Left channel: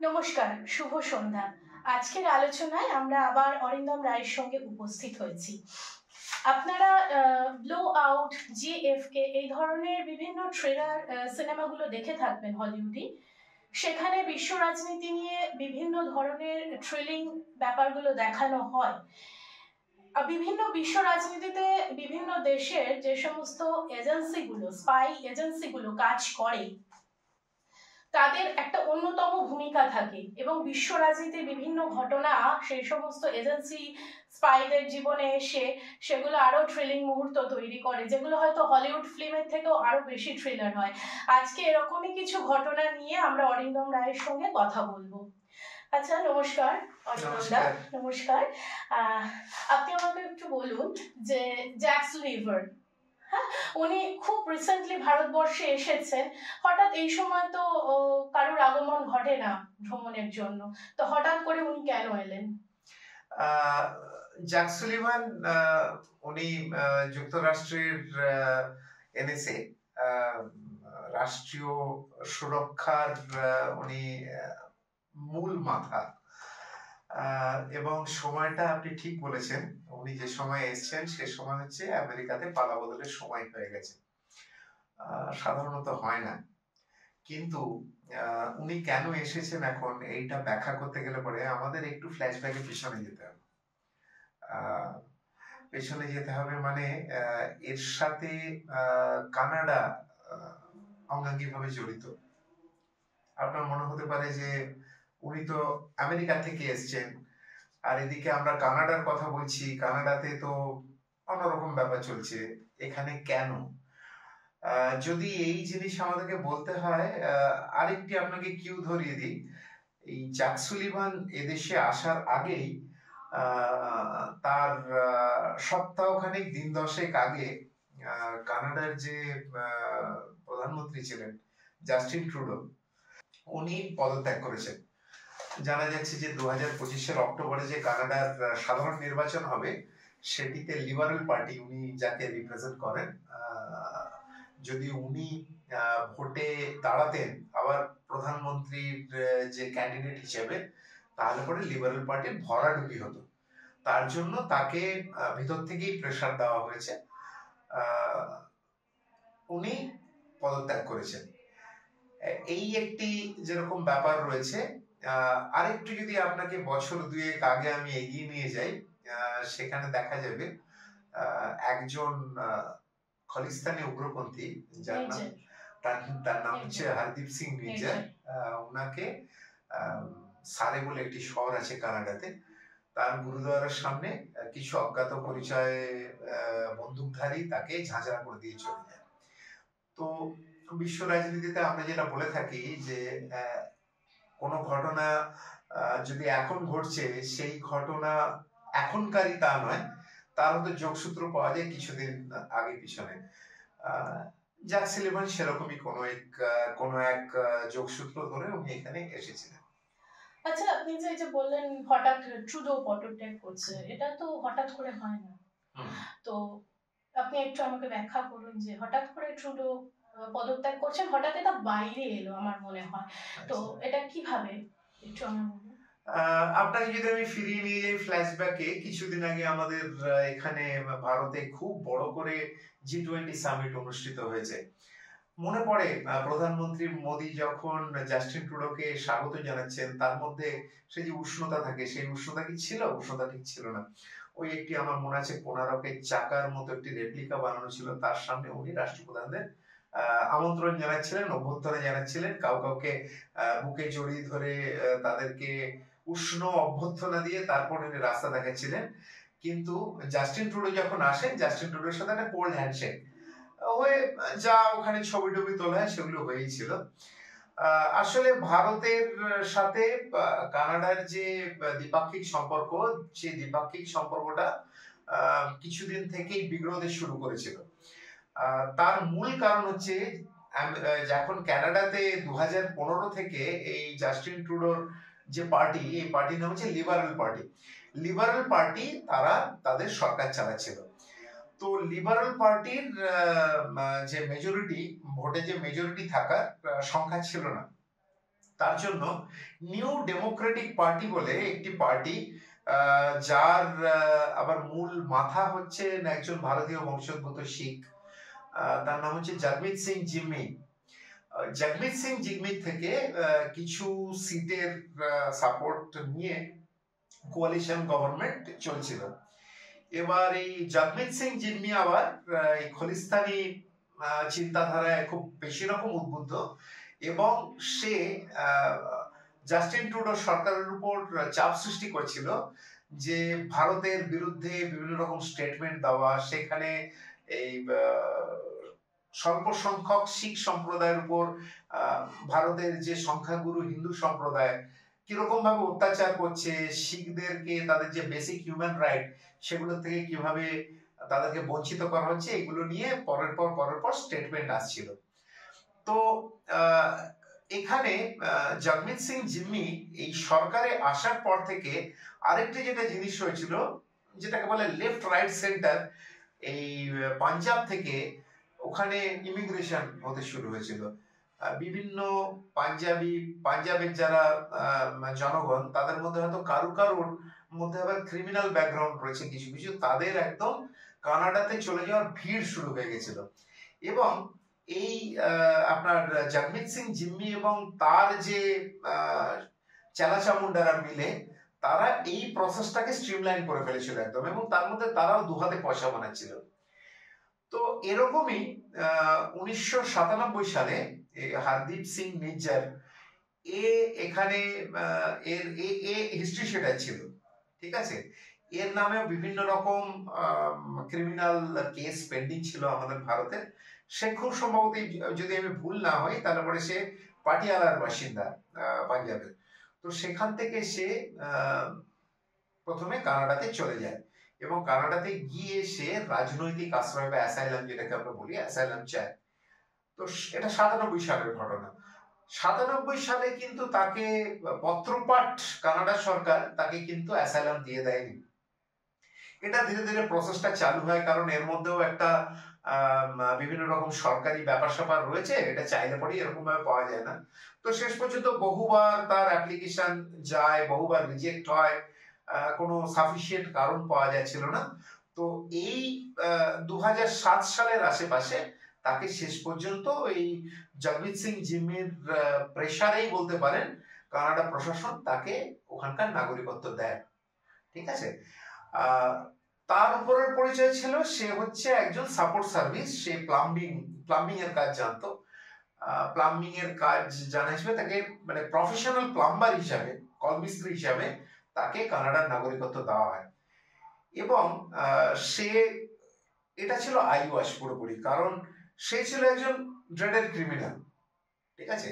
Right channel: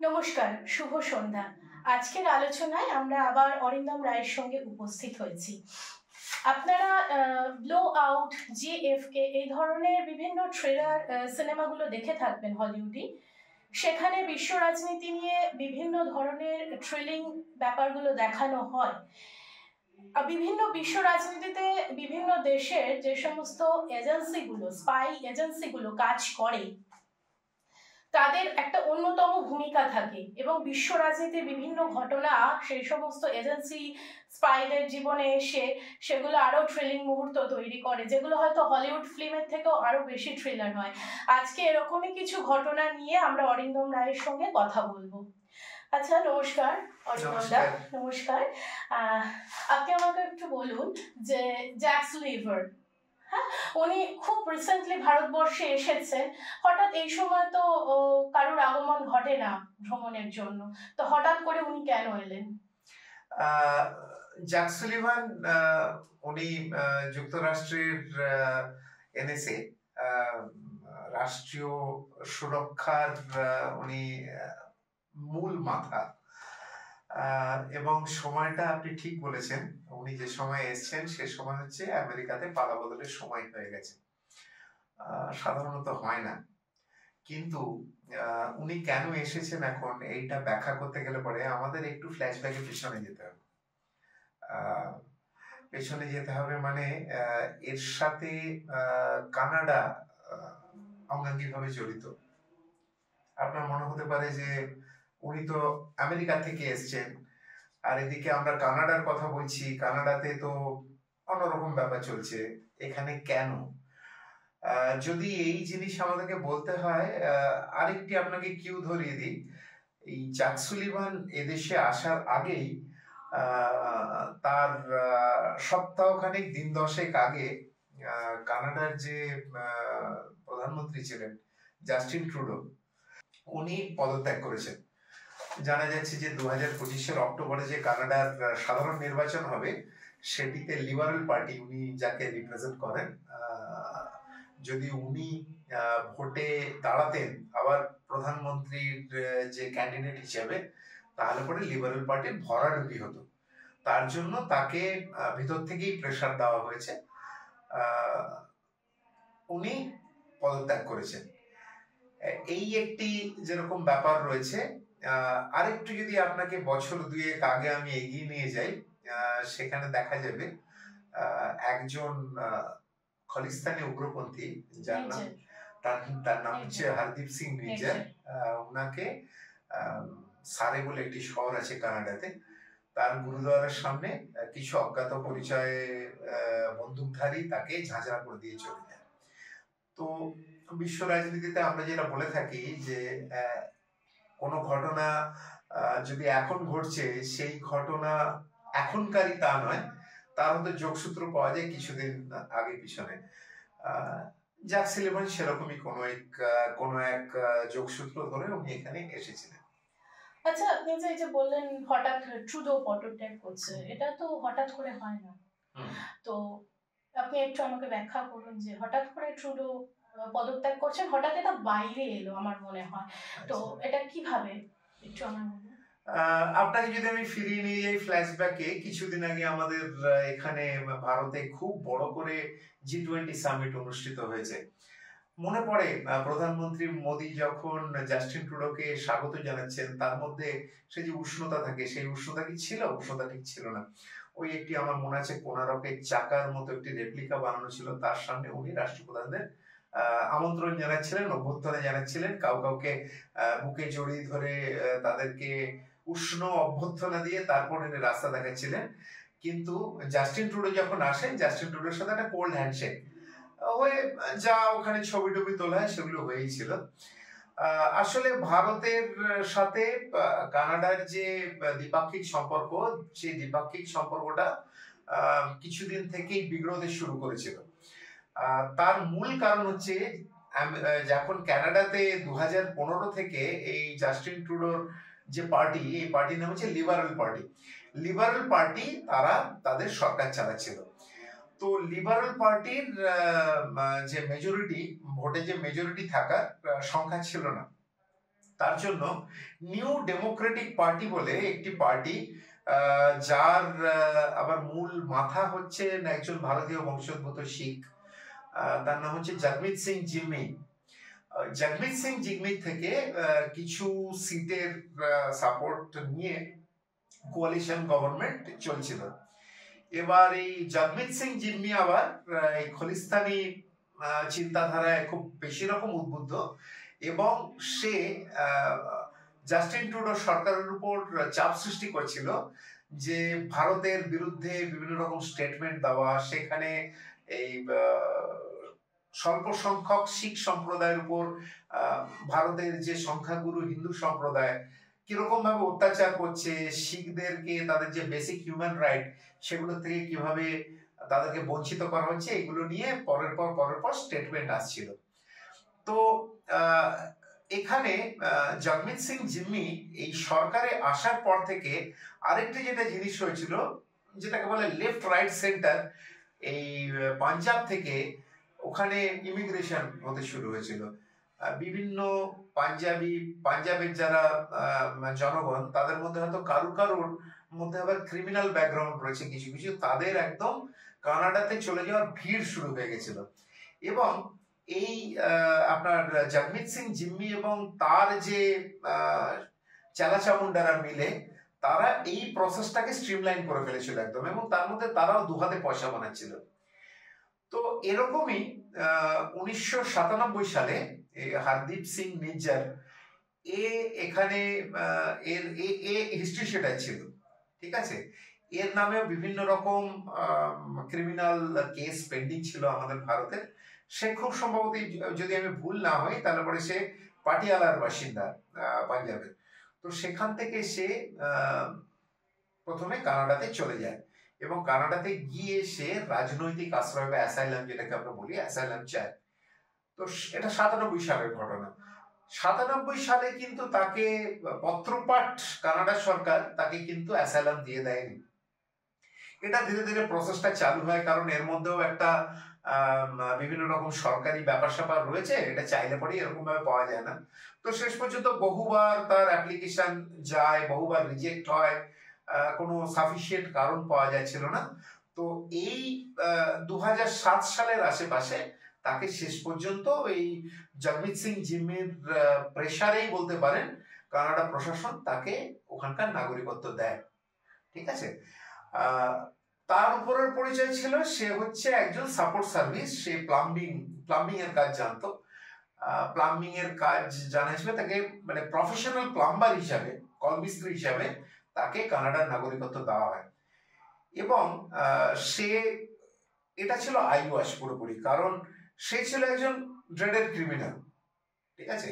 নমস্কার, শুভ সন্ধ্যা। আজকের আলোচনায় আমরা আবার অরিন্দম রায়ের সঙ্গে উপস্থিত হয়েছি। আপনারা ব্লো আউট, জিএফকে এই ধরনের বিভিন্ন থ্রিলার সিনেমাগুলো দেখে থাকবেন হলিউডি। সেখানে বিশ্ব রাজনীতি নিয়ে বিভিন্ন ধরনের থ্রিলিং ব্যাপারগুলো দেখানো হয়। বিভিন্ন বিশ্ব রাজনীতিতে বিভিন্ন দেশের যে সমস্ত এজেন্সিগুলো, স্পাই এজেন্সিগুলো কাজ করে, তাদের একটা অন্যতম ভূমিকা থাকে এবং বিশ্ব রাজনীতির বিভিন্ন ঘটনা সেই সমস্ত এজেন্সি স্পাইদের জীবনে এসে সেগুলো আরো থ্রিলিং মুহূর্ত তৈরি করে, যেগুলো হয়তো হলিউড ফিল্মের থেকেও আরো বেশি থ্রিলার হয়। আজকে এরকমই কিছু ঘটনা নিয়ে আমরা অরিন্দম রায়ের সঙ্গে কথা বলবো। আচ্ছা, নমস্কার অরিন্দম দা। নমস্কার। আপনি আমাকে একটু বলুন যে জ্যাক স্লিভার, হ্যাঁ, উনি খুব রিসেন্টলি ভারতবর্ষে এসেছেন। হঠাৎ এই সময় তো কারোর আগমন ঘটে না ভ্রমণের জন্য, তো হঠাৎ করে উনি কেন এলেন? জ্যাক সুলিভান উনি যুক্তরাষ্ট্রের এনএসএ রাষ্ট্রীয় সুরক্ষার উনি মূল মাথা, এবং সময়টা আপনি ঠিক বলেছেন। উনি যে সময় এসছেন সে সময় হচ্ছে আমেরিকাতে পালা বদলের সময় হয়ে গেছে। সাধারণত হয় না, কিন্তু উনি কেন এসেছেন এখন এইটা ব্যাখ্যা করতে গেলে পরে আমাদের একটু ফ্ল্যাশব্যাকে পিছনে যেতে হবে। মানে এর সাথে কানাডা অঙ্গাঙ্গিভাবে জড়িত। আপনার মনে হতে পারে যে উনি তো আমেরিকা থেকে এসছেন, আর এদিকে আমরা কানাডার কথা বলছি, কানাডাতে তো অন্যরকম ব্যাপার চলছে, এখানে কেন? যদি এই জিনিস আমাদেরকে বলতে হয়, আরেকটি আপনাকে কিউ ধরিয়ে দিই। এই জ্যাক সুলিভান এদেশে আসার আগেই তার সপ্তাহখানেক দিন দশেক আগে কানাডার যে প্রধানমন্ত্রী ছিলেন জাস্টিন ট্রুডো, উনি পদত্যাগ করেছেন। জানা যাচ্ছে যে 2025 অক্টোবরে যে কানাডার সাধারণ নির্বাচন হবে সেটিতে লিবারেল পার্টি, উনি যাকে রিপ্রেজেন্ট করেন, যদি উনি ভোটে দাঁড়াতেন আবার প্রধানমন্ত্রীর যে ক্যান্ডিডেট হিসেবে, তাহলে পরে লিবারেল পার্টির ভরাডুবি হতো। তার জন্য তাকে ভিতর থেকেই প্রেসার দেওয়া হয়েছে, উনি পদত্যাগ করেছেন। এই একটি যেরকম ব্যাপার রয়েছে। আরেকটু যদি আপনাকে বছর দুয়েক আগে আমি এগিয়ে নিয়ে যাই, সেখানে দেখা যাবে একজন খালিস্তানি উগ্রপন্থী, তার নাম হচ্ছে হরদীপ সিং নির্জার। ওনাকে সারে বলে একটি শহর আছে কানাডাতে, তার গুরুদ্বারের সামনে কিছু অজ্ঞাত পরিচয় বন্দুকধারী তাকে ঝাঁঝরা করে দিয়ে চলে যায়। তো বিশ্ব রাজনীতিতে আমরা যেটা বলে থাকি যে কোনো ঘটনা যদি এখন ঘটছে, সেই ঘটনা এখনকারই তা নয়, তার মধ্যে যোগসূত্র পাওয়া যায় কিছুদিন আগে পিছনে। জ্যাক সুলিভান সেরকমই কোনো এক যোগসূত্র ধরে উনি এখানে এসেছিলেন। আচ্ছা, আপনি যে বললেন হঠাৎ ট্রুডো পদত্যাগ করছে, এটা তো হঠাৎ করে হয় না, তো আপনি একটু আমাকে ব্যাখ্যা করুন যে হঠাৎ করে ট্রুডো পদত্যাগ করছেন, হঠাৎ এটা বাইরে এলো আমার মনে হয়, তো এটা কিভাবে একটু আমার আপনাকে যদি আমি ফিরিয়ে নিয়ে যাই ফ্ল্যাশব্যাকে, কিছুদিন আগে আমাদের এখানে ভারতে খুব বড় করে G20 সামিট অনুষ্ঠিত হয়েছে। মনে পড়ে প্রধানমন্ত্রী মোদী যখন জাস্টিন ট্রুডোকে স্বাগত জানাচ্ছেন, তার মধ্যে সে যে উষ্ণতা থাকে, সেই উষ্ণতা কি ছিল? উষ্ণতা ঠিক ছিল না। ওই একটি আমার মনে আছে কোনারকের চাকার মতো একটি রেপ্লিকা বানানো ছিল, তার সামনে উনি রাষ্ট্রপ্রধানদের আমন্ত্রণ জানাচ্ছিলেন, অভ্যর্থনা জানাচ্ছিলেন, কাউকে বুকে জড়িয়ে ধরে তাদেরকে উষ্ণ অভ্যর্থনা দিয়ে তারপর রাস্তা দেখাচ্ছিলেন। কিন্তু জাস্টিন ট্রুডো যখন আসেন, জাস্টিন ট্রুডোর সাথে একটা কোল্ড হ্যান্ডশেক হয়ে যা ওখানে ছবি টবি তোলা হয় সেগুলো হয়েই ছিল। আসলে ভারতের সাথে কানাডার যে দ্বিপাক্ষিক সম্পর্ক, সেই দ্বিপাক্ষিক সম্পর্কটা কিছুদিন থেকেই বিগ্রহতে শুরু করেছিল। তার মূল কারণ হচ্ছে যখন কানাডাতে 2015 থেকে এই জাস্টিন ট্রুডোর যে পার্টি, এই পার্টির নাম হচ্ছে লিবারেল পার্টি। লিবারেল পার্টি তারা তাদের সরকার চালাচ্ছিল। তো লিবারেল পার্টির যে মেজরিটি, ভোটে যে মেজরিটি থাকার সংখ্যা ছিল না, তার জন্য নিউ ডেমোক্রেটিক পার্টি বলে একটি পার্টি, যার আবার মূল মাথা হচ্ছে একজন ভারতীয় বংশোদ্ভূত শিখ, তার নাম হচ্ছে জগমিত সিং জিম্মি। জগমিত সিং জিম্মি থেকে কিছু সিটের সাপোর্ট নিয়ে কোয়ালিশন গভর্নমেন্ট চলছিল। এবার এই জগমিত সিং জিম্মি আবার এই খলিস্তানি চিন্তাধারায় খুব বেশি রকম উদ্বুদ্ধ, এবং সে জাস্টিন ট্রুডো সরকারের উপর চাপ সৃষ্টি করছিল যে ভারতের বিরুদ্ধে বিভিন্ন রকম স্টেটমেন্ট দেওয়া, সেখানে এই স্বল্প সংখ্যক শিখ সম্প্রদায়ের উপর ভারতের যে সংখ্যাগুরু হিন্দু সম্প্রদায় কিরকম ভাবে অত্যাচার করছে, শিখদেরকে তাদের যে বেসিক হিউম্যান রাইট সেগুলো থেকে কিভাবে তাদেরকে বঞ্চিত করা হচ্ছে, এগুলো নিয়ে পরের পর স্টেটমেন্ট আসছিল। তো এখানে জগমিত সিং জিম্মি এই সরকারে আসার পর থেকে আরেকটি যেটা জিনিস হয়েছিল, যেটাকে বলে লেফট রাইট সেন্টার, এই পাঞ্জাব থেকে ওখানে ইমিগ্রেশন হতে শুরু হয়েছিল। বিভিন্ন পাঞ্জাবের যারা জনগণ, তাদের মধ্যে হয়তো কারুর মধ্যে আবার ক্রিমিনাল ব্যাকগ্রাউন্ড রয়েছে কিছু কিছু, তাদের একদম কানাডাতে চলে যাওয়ার ভিড় শুরু হয়ে গেছিল। এবং এই আপনার জগমিত সিং জিম্মি এবং তার যে চালাচামুন্ডারা মিলে তারা এই প্রসেসটাকে স্ট্রিমলাইন করে ফেলেছিল একদম, এবং তার মধ্যে তারাও দুহাতে পয়সা বানাচ্ছিল। তো এরকমই 1997 সালে হরদীপ সিং নিজ্জার এখানে হিস্ট্রি সেটাই ছিল, ঠিক আছে। এর নামেও বিভিন্ন রকম ক্রিমিনাল কেস পেন্ডিং ছিল আমাদের ভারতে। সে খুব সম্ভবত, যদি আমি ভুল না হই, তাহলে পরে সে পাটিয়ালার বাসিন্দা পাঞ্জাবের। তো সেখান থেকে সে প্রথমে কানাডাতে চলে যায়, এবং কানাডাতে গিয়ে সে রাজনৈতিক আশ্রয় বা অ্যাসাইলাম, যেটাকে আমরা বলি অ্যাসাইলাম চায়। তো এটা 97 সালের ঘটনা। 97 সালে কিন্তু তাকে পত্রপাঠ কানাডা সরকার তাকে কিন্তু অ্যাসাইলাম দিয়ে দেয়নি। এটা ধীরে ধীরে প্রসেসটা চালু হয়, কারণ এর মধ্যেও একটা বিভিন্ন রকম সরকারি ব্যাপার স্যাপার রয়েছে, এটা চাইলে পরেই এরকম ভাবে পাওয়া যায় না। তো শেষ পর্যন্ত বহুবার তার অ্যাপ্লিকেশন যায়, বহুবার রিজেক্ট হয়, কোনো সাফিসিয়েন্ট কারণ পাওয়া যাচ্ছিল না। তো এই 2007 সালের আশেপাশে তাকে শেষ পর্যন্ত এই জগমিত সিং জিম্মির প্রেসারেই বলতে পারেন কানাডা প্রশাসন তাকে ওখানকার নাগরিকত্ব দেয়, ঠিক আছে। তার উপরের পরিচয় ছিল সে হচ্ছে একজন সাপোর্ট সার্ভিস, সে প্লাম্বিং এর কাজ জানতো। প্লাম্বিং এর কাজ জানা হিসেবে তাকে, মানে প্রফেশনাল প্লাম্বার হিসাবে, কলমিস্ত্রি হিসাবে তাকে কানাডার নাগরিকত্ব দেওয়া হয়। এবং সে, এটা ছিল আইওয়াস পুরোপুরি, কারণ সে ছিল একজন ড্রেডেড ক্রিমিনাল, ঠিক আছে।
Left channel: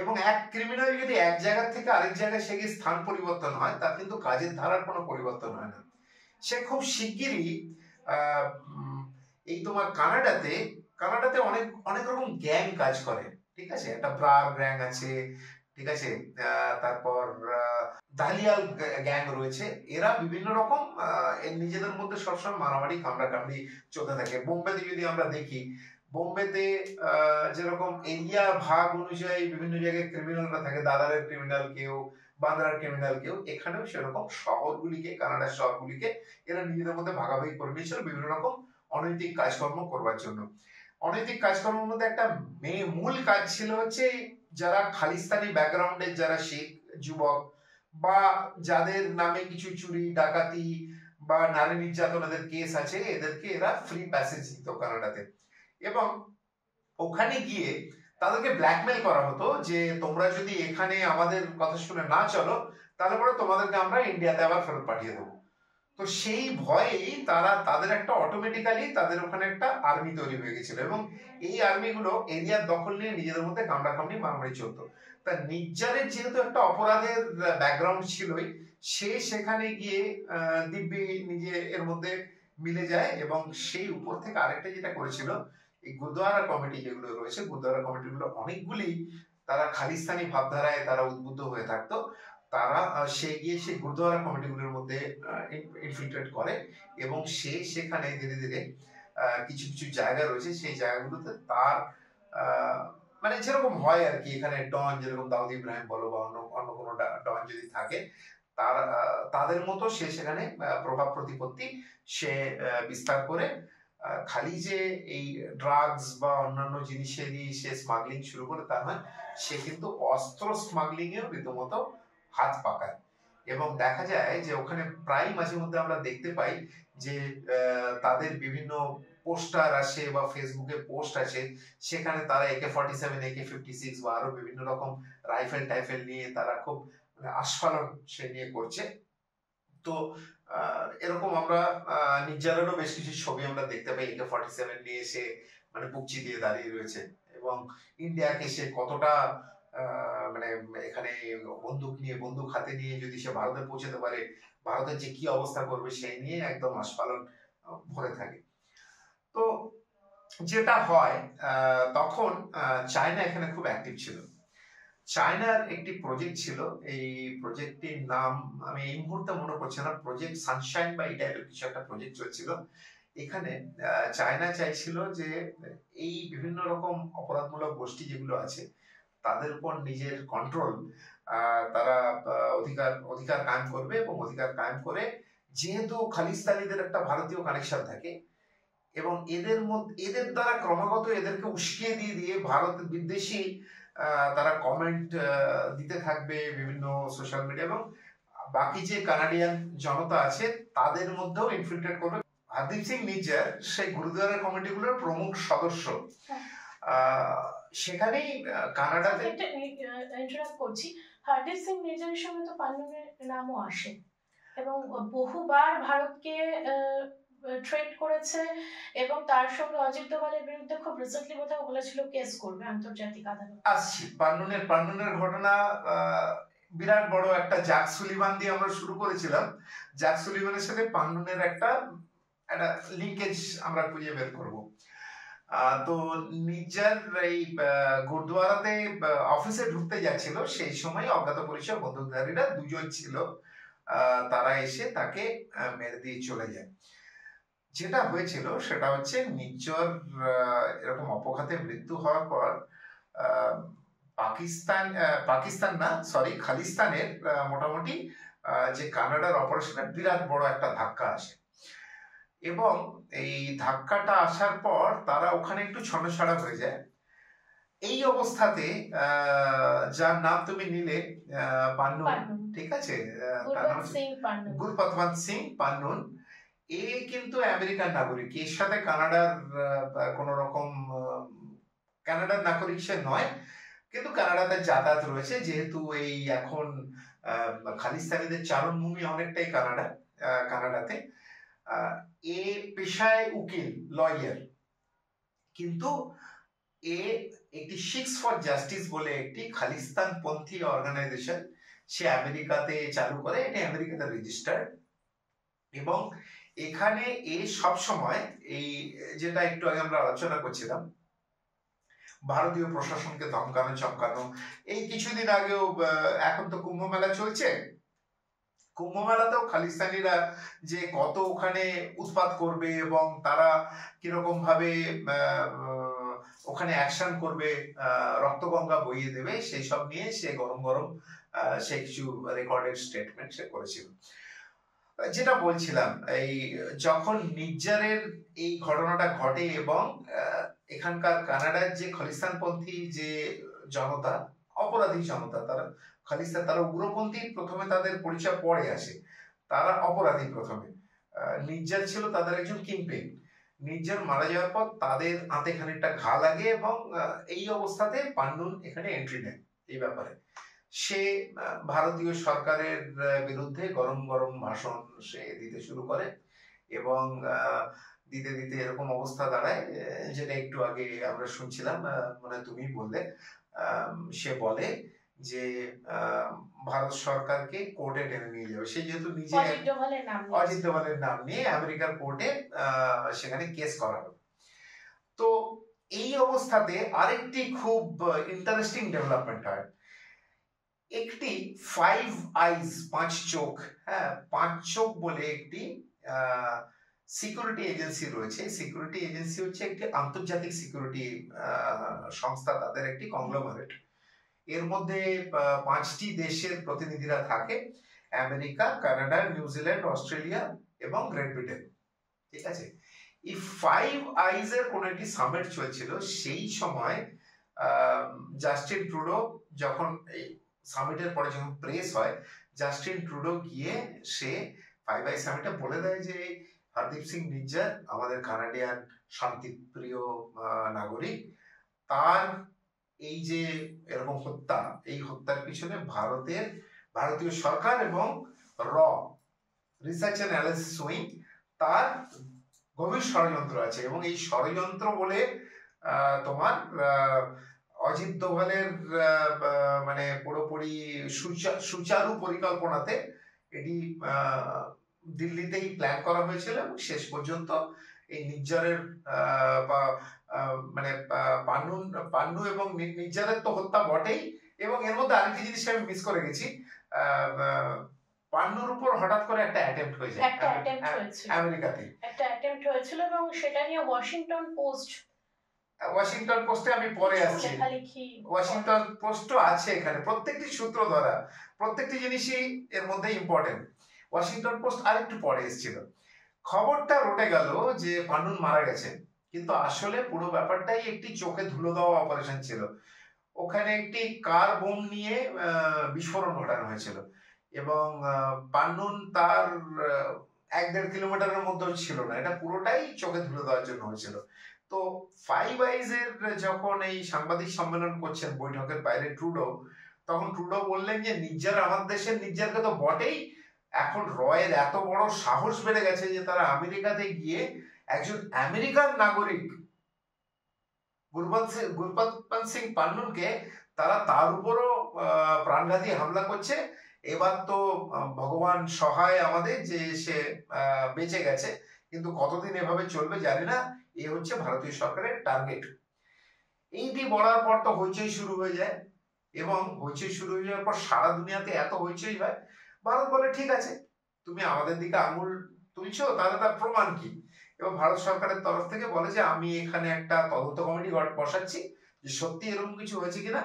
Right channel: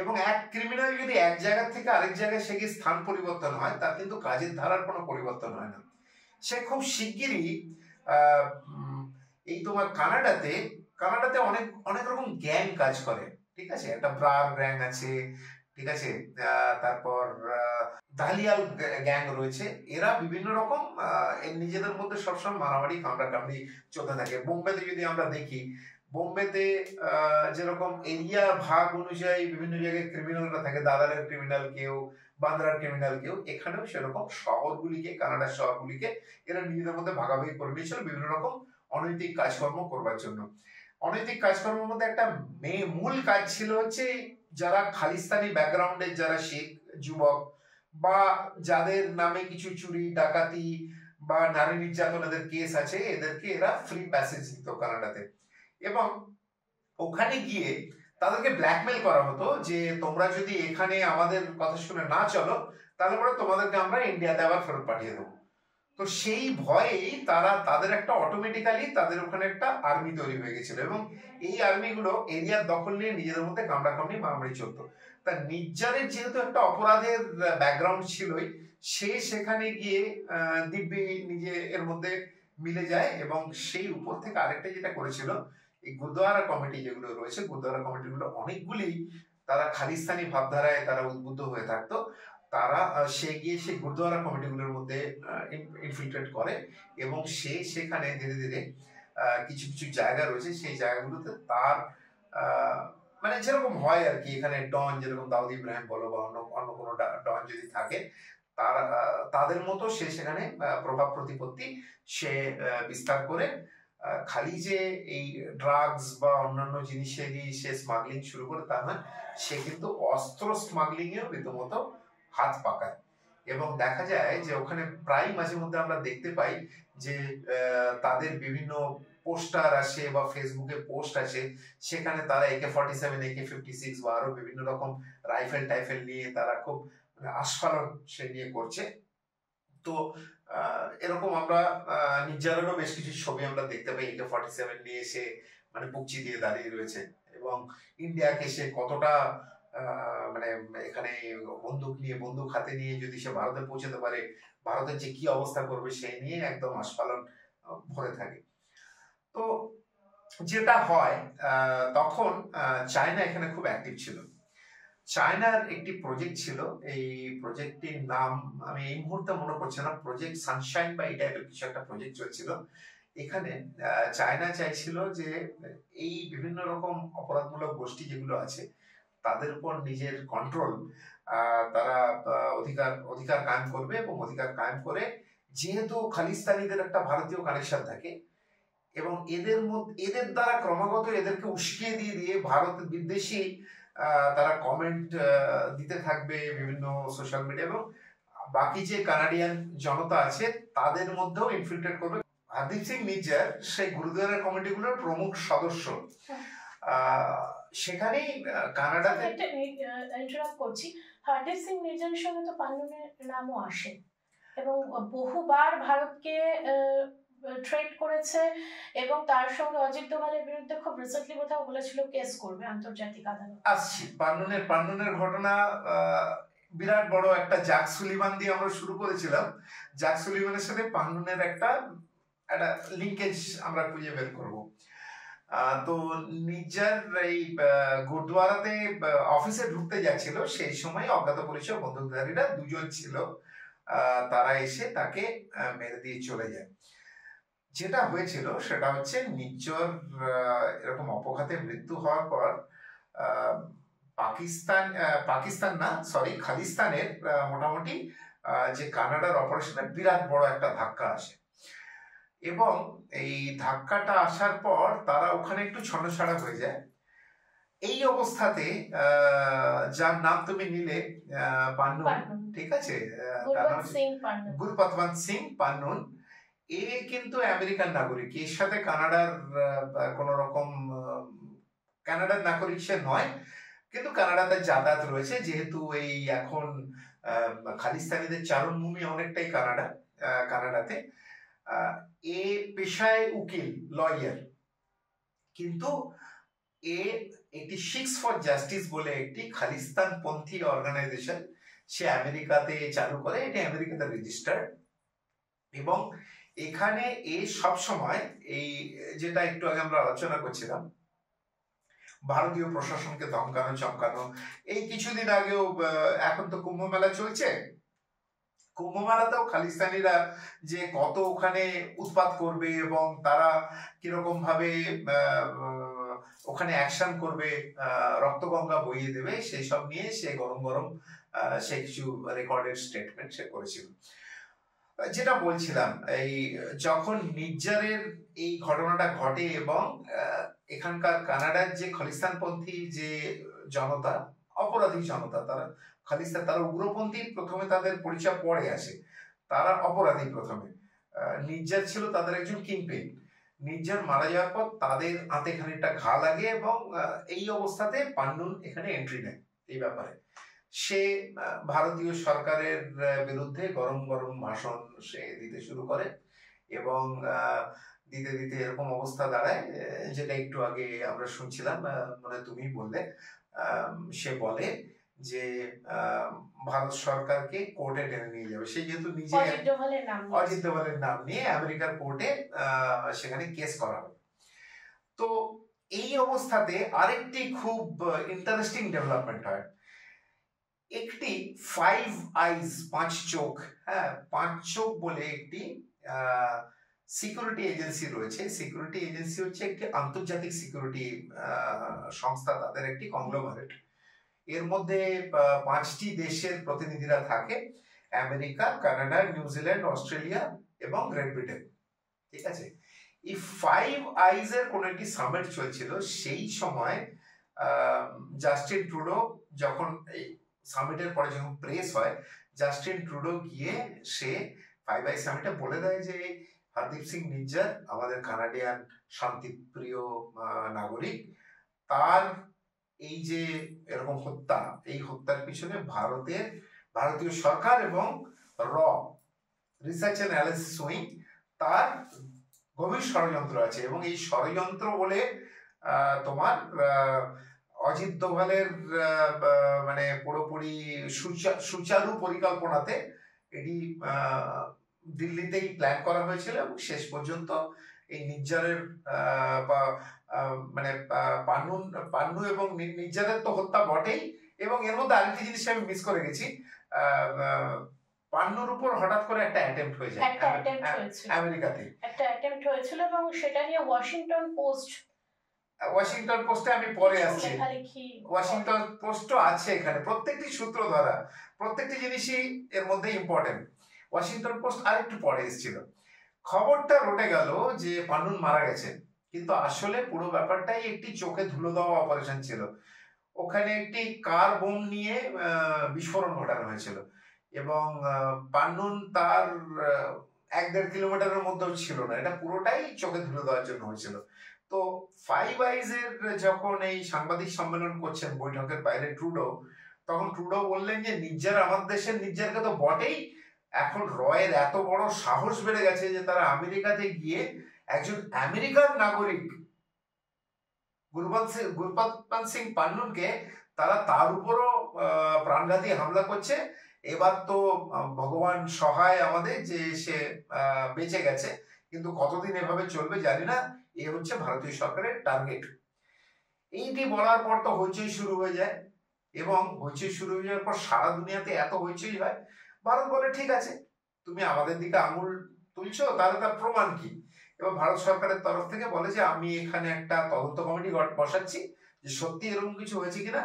এবং এক ক্রিমিনাল যদি এক জায়গা থেকে আরেক জায়গায় সে গিয়ে স্থান পরিবর্তন হয়, তার কিন্তু কাজের ধারার কোনো পরিবর্তন হয় না। সে খুব শিগগিরই এই তোমার কানাডাতে অনেক রকম গ্যাং কাজ করে, ঠিক আছে। একটা ব্রার গ্যাং আছে, ঠিক আছে, তারপর দালিয়াল গ্যাং রয়েছে। এরা বিভিন্ন রকম নিজেদের মধ্যে সবসময় মারামারি কামড়াকামড়ি চলতে থাকে। বোম্বেতে যদি আমরা দেখি, বোম্বেতে যেরকম এরিয়া ভাগ অনুযায়ী বিভিন্ন জায়গায় ক্রিমিনালরা থাকে, দাদারের ক্রিমিনাল কেউ, বান্দ্রার ক্রিমিনাল কেউ, এখানেও সেরকম শহরগুলিকে, কানাডার শহরগুলিকে এরা নিজেদের মধ্যে ভাগাভাগি করে নিয়েছিল বিভিন্ন রকম অনৈতিক কাজকর্ম করবার জন্য। অনৈতিক কাজকর্মের মধ্যে একটা মূল কাজ ছিল হচ্ছে যারা খালিস্তানি ব্যাকগ্রাউন্ডের যারা শিখ যুবক, বা যাদের নামে কিছু চুরি ডাকাতি বা নারী নির্যাতনের কেস আছে, এদেরকে এরা ফ্রি প্যাসেজ দিত কানাডাতে। এবং ওখানে গিয়ে তাদেরকে ব্ল্যাকমেল করা হতো যে তোমরা যদি এখানে আমাদের কথা শুনে না চলো, তাহলে পরে তোমাদেরকে আমরা ইন্ডিয়াতে আবার ফেরত পাঠিয়ে দেবো। তো সেই ভয়েই তাদের একটা অটোমেটিক্যালি তাদের ওখানে একটা আর্মি তৈরি হয়ে গেছিল, এবং এই আর্মিগুলো এরিয়ার দখল নিয়ে নিজেদের মধ্যে কামড়াকামড়ি মারামারি চলতো। তা নিজ্জারের যেহেতু একটা অপরাধের ব্যাকগ্রাউন্ড ছিলই, সে সেখানে গিয়ে দিব্যি নিজে এর মধ্যে মিলে যায়। এবং সেই উপর থেকে আরেকটা যেটা করেছিল, এই গুরুদুয়ারা কমিটি যেগুলো রয়েছে, গুরুদুয়ারা কমিটিগুলো অনেকগুলি তারা খালিস্তানি ভাবধারায় তারা উদ্বুদ্ধ হয়ে থাকতো। তারা সেই গুরুদুয়ারা কমিটিগুলোর মধ্যে ইনফিল্ট্রেট করে, এবং সেখানে ধীরে ধীরে কিছু কিছু জায়গা রয়েছে, সেই জায়গাগুলোতে তার মানে যেরকম হয় আর কি, এখানে ডন যেরকম দাউদ ইব্রাহিম বলো বা অন্য অন্য কোনো ডন যদি থাকে, তাদের মতো সে সেখানে প্রভাব প্রতিপত্তি সে বিস্তার করে খালি যে এই ড্রাগস বা অন্যান্য জিনিসে দিয়ে সে স্মাগলিং শুরু করে তা নয়, সে কিন্তু অস্ত্র স্মাগলিং এও রীতিমতো হাত পাকায়। এবং দেখা যায় যে ওখানে প্রায় মাঝে মধ্যে আমরা দেখতে পাই যে তাদের বিভিন্ন পোস্টার আসে বা ফেসবুকে পোস্ট আসে, সেখানে তারা AK-47, AK-56 বা আরো বিভিন্ন রকম রাইফেল টাইফেল নিয়ে তারা খুব আস্ফালন সে নিয়ে করছে। তো এরকম আমরা নির্জারেরও বেশ কিছু ছবি আমরা দেখতে পাই, AK-47 নিয়ে সে মানে বুকচি দিয়ে দাঁড়িয়ে রয়েছে, এবং ইন্ডিয়াকে সে কতটা মানে এখানে বন্দুক হাতে নিয়ে যদি সে ভারতে পৌঁছাতে পারে, ভারতের যে কি অবস্থা করবে সেই নিয়ে একদম আস্ফালন ভরে থাকে। তো যেটা হয় তখন চায়না এখানে খুব অ্যাক্টিভ ছিল। চায়নার একটি প্রজেক্ট ছিল, এই প্রজেক্টটির নাম আমি এই মুহূর্তে মনে পড়ছে না, প্রজেক্ট সানশাইন বা এই টাইপের কিছু একটা প্রজেক্ট চলছিল। এখানে চায়না চাইছিল যে এই বিভিন্ন রকম অপরাধমূলক গোষ্ঠী যেগুলো আছে তাদের উপর নিজের কন্ট্রোল তারা অধিকার কায়েম করবে, এবং অধিকার কায়েম করে যেহেতু খালিস্তানিদের একটা ভারতীয় কানেকশন থাকে এবং এদের দ্বারা ক্রমাগত এদেরকে উস্কিয়ে দিয়ে ভারত বিদ্বেষী তারা কমেন্ট দিতে থাকবে বিভিন্ন সোশ্যাল মিডিয়া, এবং বাকি যে কানাডিয়ান জনতা আছে তাদের মধ্যেও ইনফিল্ট্রেট করবে। হরদীপ সিং নিজ্জার সেই গুরুদুয়ারের কমিটিগুলোর প্রমুখ সদস্য। সেখানেই কানাডাতে ইন্টারাপ্ট করছি, হরদীপ সিং নিজ্জারের সঙ্গে তো পান্নুনের নামও আসে এবং বহুবার ভারতকে ট্রেড করেছে, এবং তার সঙ্গে অজিত দোভালের বিরুদ্ধে খুব রিসেন্টলি কোথাও বলেছিল কেস করবে আন্তর্জাতিক আদালত। আসছি পান্নুনের ঘটনা, বিরাট বড় একটা জ্যাক সুলিভান দিয়ে আমরা শুরু করেছিলাম। জ্যাক সুলিভানের সাথে পান্নুনের একটা লিঙ্কেজ আমরা খুঁজে বের করব। তো নিজ্জার এই গুরুদুয়ারাতে অফিসে ঢুকতে যাচ্ছিল, সেই সময় অজ্ঞাত পরিচয় বন্দুকধারীরা দুজন ছিল, তারা এসে তাকে মেরে দিয়ে চলে যায়। যেটা হয়েছিল সেটা হচ্ছে এরকম অপঘাতে মৃত্যু হওয়ার পর খালিস্তানের মোটামুটি যে কানাডার অপারেশনে বিরাট বড় একটা ধাক্কা আসে, এবং এই ধাক্কাটা আসার পর তারা ওখানে একটু ছন্নছাড়া হয়ে যায়। এই অবস্থাতে যার নাম তুমি নিলে পান্নুন, ঠিক আছে, তার নাম গুরপতবন্ত সিং পান্নুন, এ কিন্তু আমেরিকান নাগরিক, এর সাথে কানাডার নাগরিক সে নয়, কিন্তু কানাডাতে যাতায়াত রয়েছে, যেহেতু এই এখন খালিস্তানিদের চারণভূমি অনেকটাই কানাডাতে। এ পেশায় উকিল, লয়ার, কিন্তু এ একটি শিখস ফর জাস্টিস বলে একটি খালিস্তানপন্থী অর্গানাইজেশন সে আমেরিকাতে চালু করে, এটি আমেরিকাতে রেজিস্টার্ড, এবং এখানে এ সব সময় এই যেটা একটু আগে আমরা আলোচনা করছিলাম, ভারতীয় প্রশাসনকে ধমকানো চমকানো। এই কিছুদিন আগেও এখন তো কুম্ভ মেলা চলছে, কুম্ভ মেলাতেও খালিস্তানিরা যে কত ওখানে উৎপাত করবে এবং তারা কিরকম ভাবে ওখানে অ্যাকশন করবে, রক্তগঙ্গা বইয়ে দেবে, সেই সব নিয়ে সে গরম সে কিছু রেকর্ডেড স্টেটমেন্ট সে করেছিল। যেটা বলছিলাম, এই যখন নিজ্জারের এই ঘটনাটা ঘটে এবং এখানকার কানাডার যে খালিস্তানপন্থী যে জনতা, অপরাধী জনতা, তারা উগ্রপন্থী, প্রথমে তাদের পরিচয় পরে আসে, তারা অপরাধী প্রথমে। নিজ্জার ছিল তাদের একজন কিংপিন। নিজ্জার মারা যাওয়ার পর তাদের হাতে খানিকটা ঘা লাগে, এবং এই অবস্থাতে পান্নুন এখানে এন্ট্রি নেয়। এই ব্যাপারে সে ভারতীয় সরকারের বিরুদ্ধে গরম ভাষণ সে দিতে শুরু করে, এবং দিতে এরকম অবস্থা দাঁড়ায় যেটা একটু আগে আমরা শুনছিলাম, মানে তুমি বললে, সে বলে যে ভারত সরকারকে কোর্টে টেনে নিয়ে যাবে। সে যেহেতু নিজে অজিত দোভালের নাম নিয়ে আমেরিকার কোর্টে সেখানে কেস করা হবে। তো এই অবস্থাতে আরেকটি খুব ইন্টারেস্টিং ডেভেলপমেন্ট হয়। একটি 5 eyes 5 চোখ বলে একটি সিকিউরিটি এজেন্সি রয়েছে। সিকিউরিটি এজেন্সি হচ্ছে একটি আন্তর্জাতিক সিকিউরিটি সংস্থা, তাদের একটি কংগ্লোমারেট। এর মধ্যে 5টি দেশের প্রতিনিধিরা থাকে, আমেরিকা, কানাডা, নিউজিল্যান্ড, অস্ট্রেলিয়া এবং গ্রেট ব্রিটেন। ঠিক আছে, এই ফাইভ আইজ এর কোন একটি সামিট চলছিল। সেই সময় জাস্টিন ট্রুডো, যখন এই সামিটের পরে যখন প্রেস হয়, জাস্টিন ট্রুডো গিয়ে সে ফাইভ আইজ সামিটে বলে দেয় যে হরদীপ সিং নিজ্জার, আমাদের কানাডিয়ান শান্তিপ্রিয় নাগরিক, তার এই যে এরকম হত্যা, এই হত্যার পিছনে ভারতীয় সরকার এবং র রিসার্চ অ্যান্ড অ্যানালিসিস উইং, তার গভীর ষড়যন্ত্র আছে। এবং এই ষড়যন্ত্র বলে তোমার অজিত দোভালের মানে পুরোপুরি সুচারু পরিকল্পনাতে এটি দিল্লিতেই প্ল্যান করা হয়েছিল এবং শেষ পর্যন্ত এই নির্জারের মানে পান্নু এবং নির্জারের তো হত্যা বটেই, এবং এর মধ্যে আরেকটি জিনিস আমি মিস করে গেছি, পান্নুর উপর হঠাৎ করে একটা অ্যাটেম্প্ট হয়ে যায় আমেরিকাতে, একটা অ্যাটেম্প্ট হয়েছিল এবং সেটা নিয়ে ওয়াশিংটন পোস্টে আমি পরে আসছি। ওয়াশিংটন পোস্টও আছে এখানে, প্রত্যেকটি সূত্র ধরা, প্রত্যেকটি জিনিসই এর মধ্যে ইম্পর্টেন্ট। ওয়াশিংটন পোস্ট আরেকটু পরে এসেছিল। খবরটা রটে গেল যে পান্নুন মারা গেছেন, কিন্তু আসলে পুরো ব্যাপারটাই একটি চোখে ধুলো দেওয়া অপারেশন ছিল। ওখানে একটি কার বোম নিয়ে বিস্ফোরণ ঘটানো হয়েছিল এবং পান্নুন তার 1-1.5 কিলোমিটারের মধ্যেও ছিল না, এটা পুরোটাই চোখে ধুলো দেওয়ার জন্য হয়েছিল। তো ফাইভ আইজ এর যখন এই সাংবাদিক সম্মেলন করছেন বৈঠকের বাইরে ট্রুডো, তখন ট্রুডো বললেন যে নির্জার আমাদের দেশের নির্জারকে তো বটেই, এখন রয়ের এত বড় সাহস বেড়ে গেছে যে তারা আমেরিকাতে গিয়ে একজন আমেরিকান নাগরিক গুরপাত্তান সিং পান্নুনকে তার উপরও প্রাণঘাতী হামলা করছে। এবার তো ভগবান সহায় আমাদের যে সে বেঁচে গেছে, কিন্তু কতদিন এভাবে চলবে জানি না। এই হচ্ছে ভারতীয় সরকারের টার্গেট। এইটি বলার পর তো হইচই শুরু হয়ে যায়, এবং হইচই শুরু হয়ে যাওয়ার পর সারা দুনিয়াতে এত হইচই হয়। ভারত বলে ঠিক আছে, তুমি আমাদের দিকে আঙুল তুলছো, তাহলে তার প্রমাণ কি? এবং ভারত সরকারের তরফ থেকে বলে যে আমি এখানে একটা তদন্ত কমিটি বসাচ্ছি যে সত্যি এরকম কিছু হয়েছে কিনা,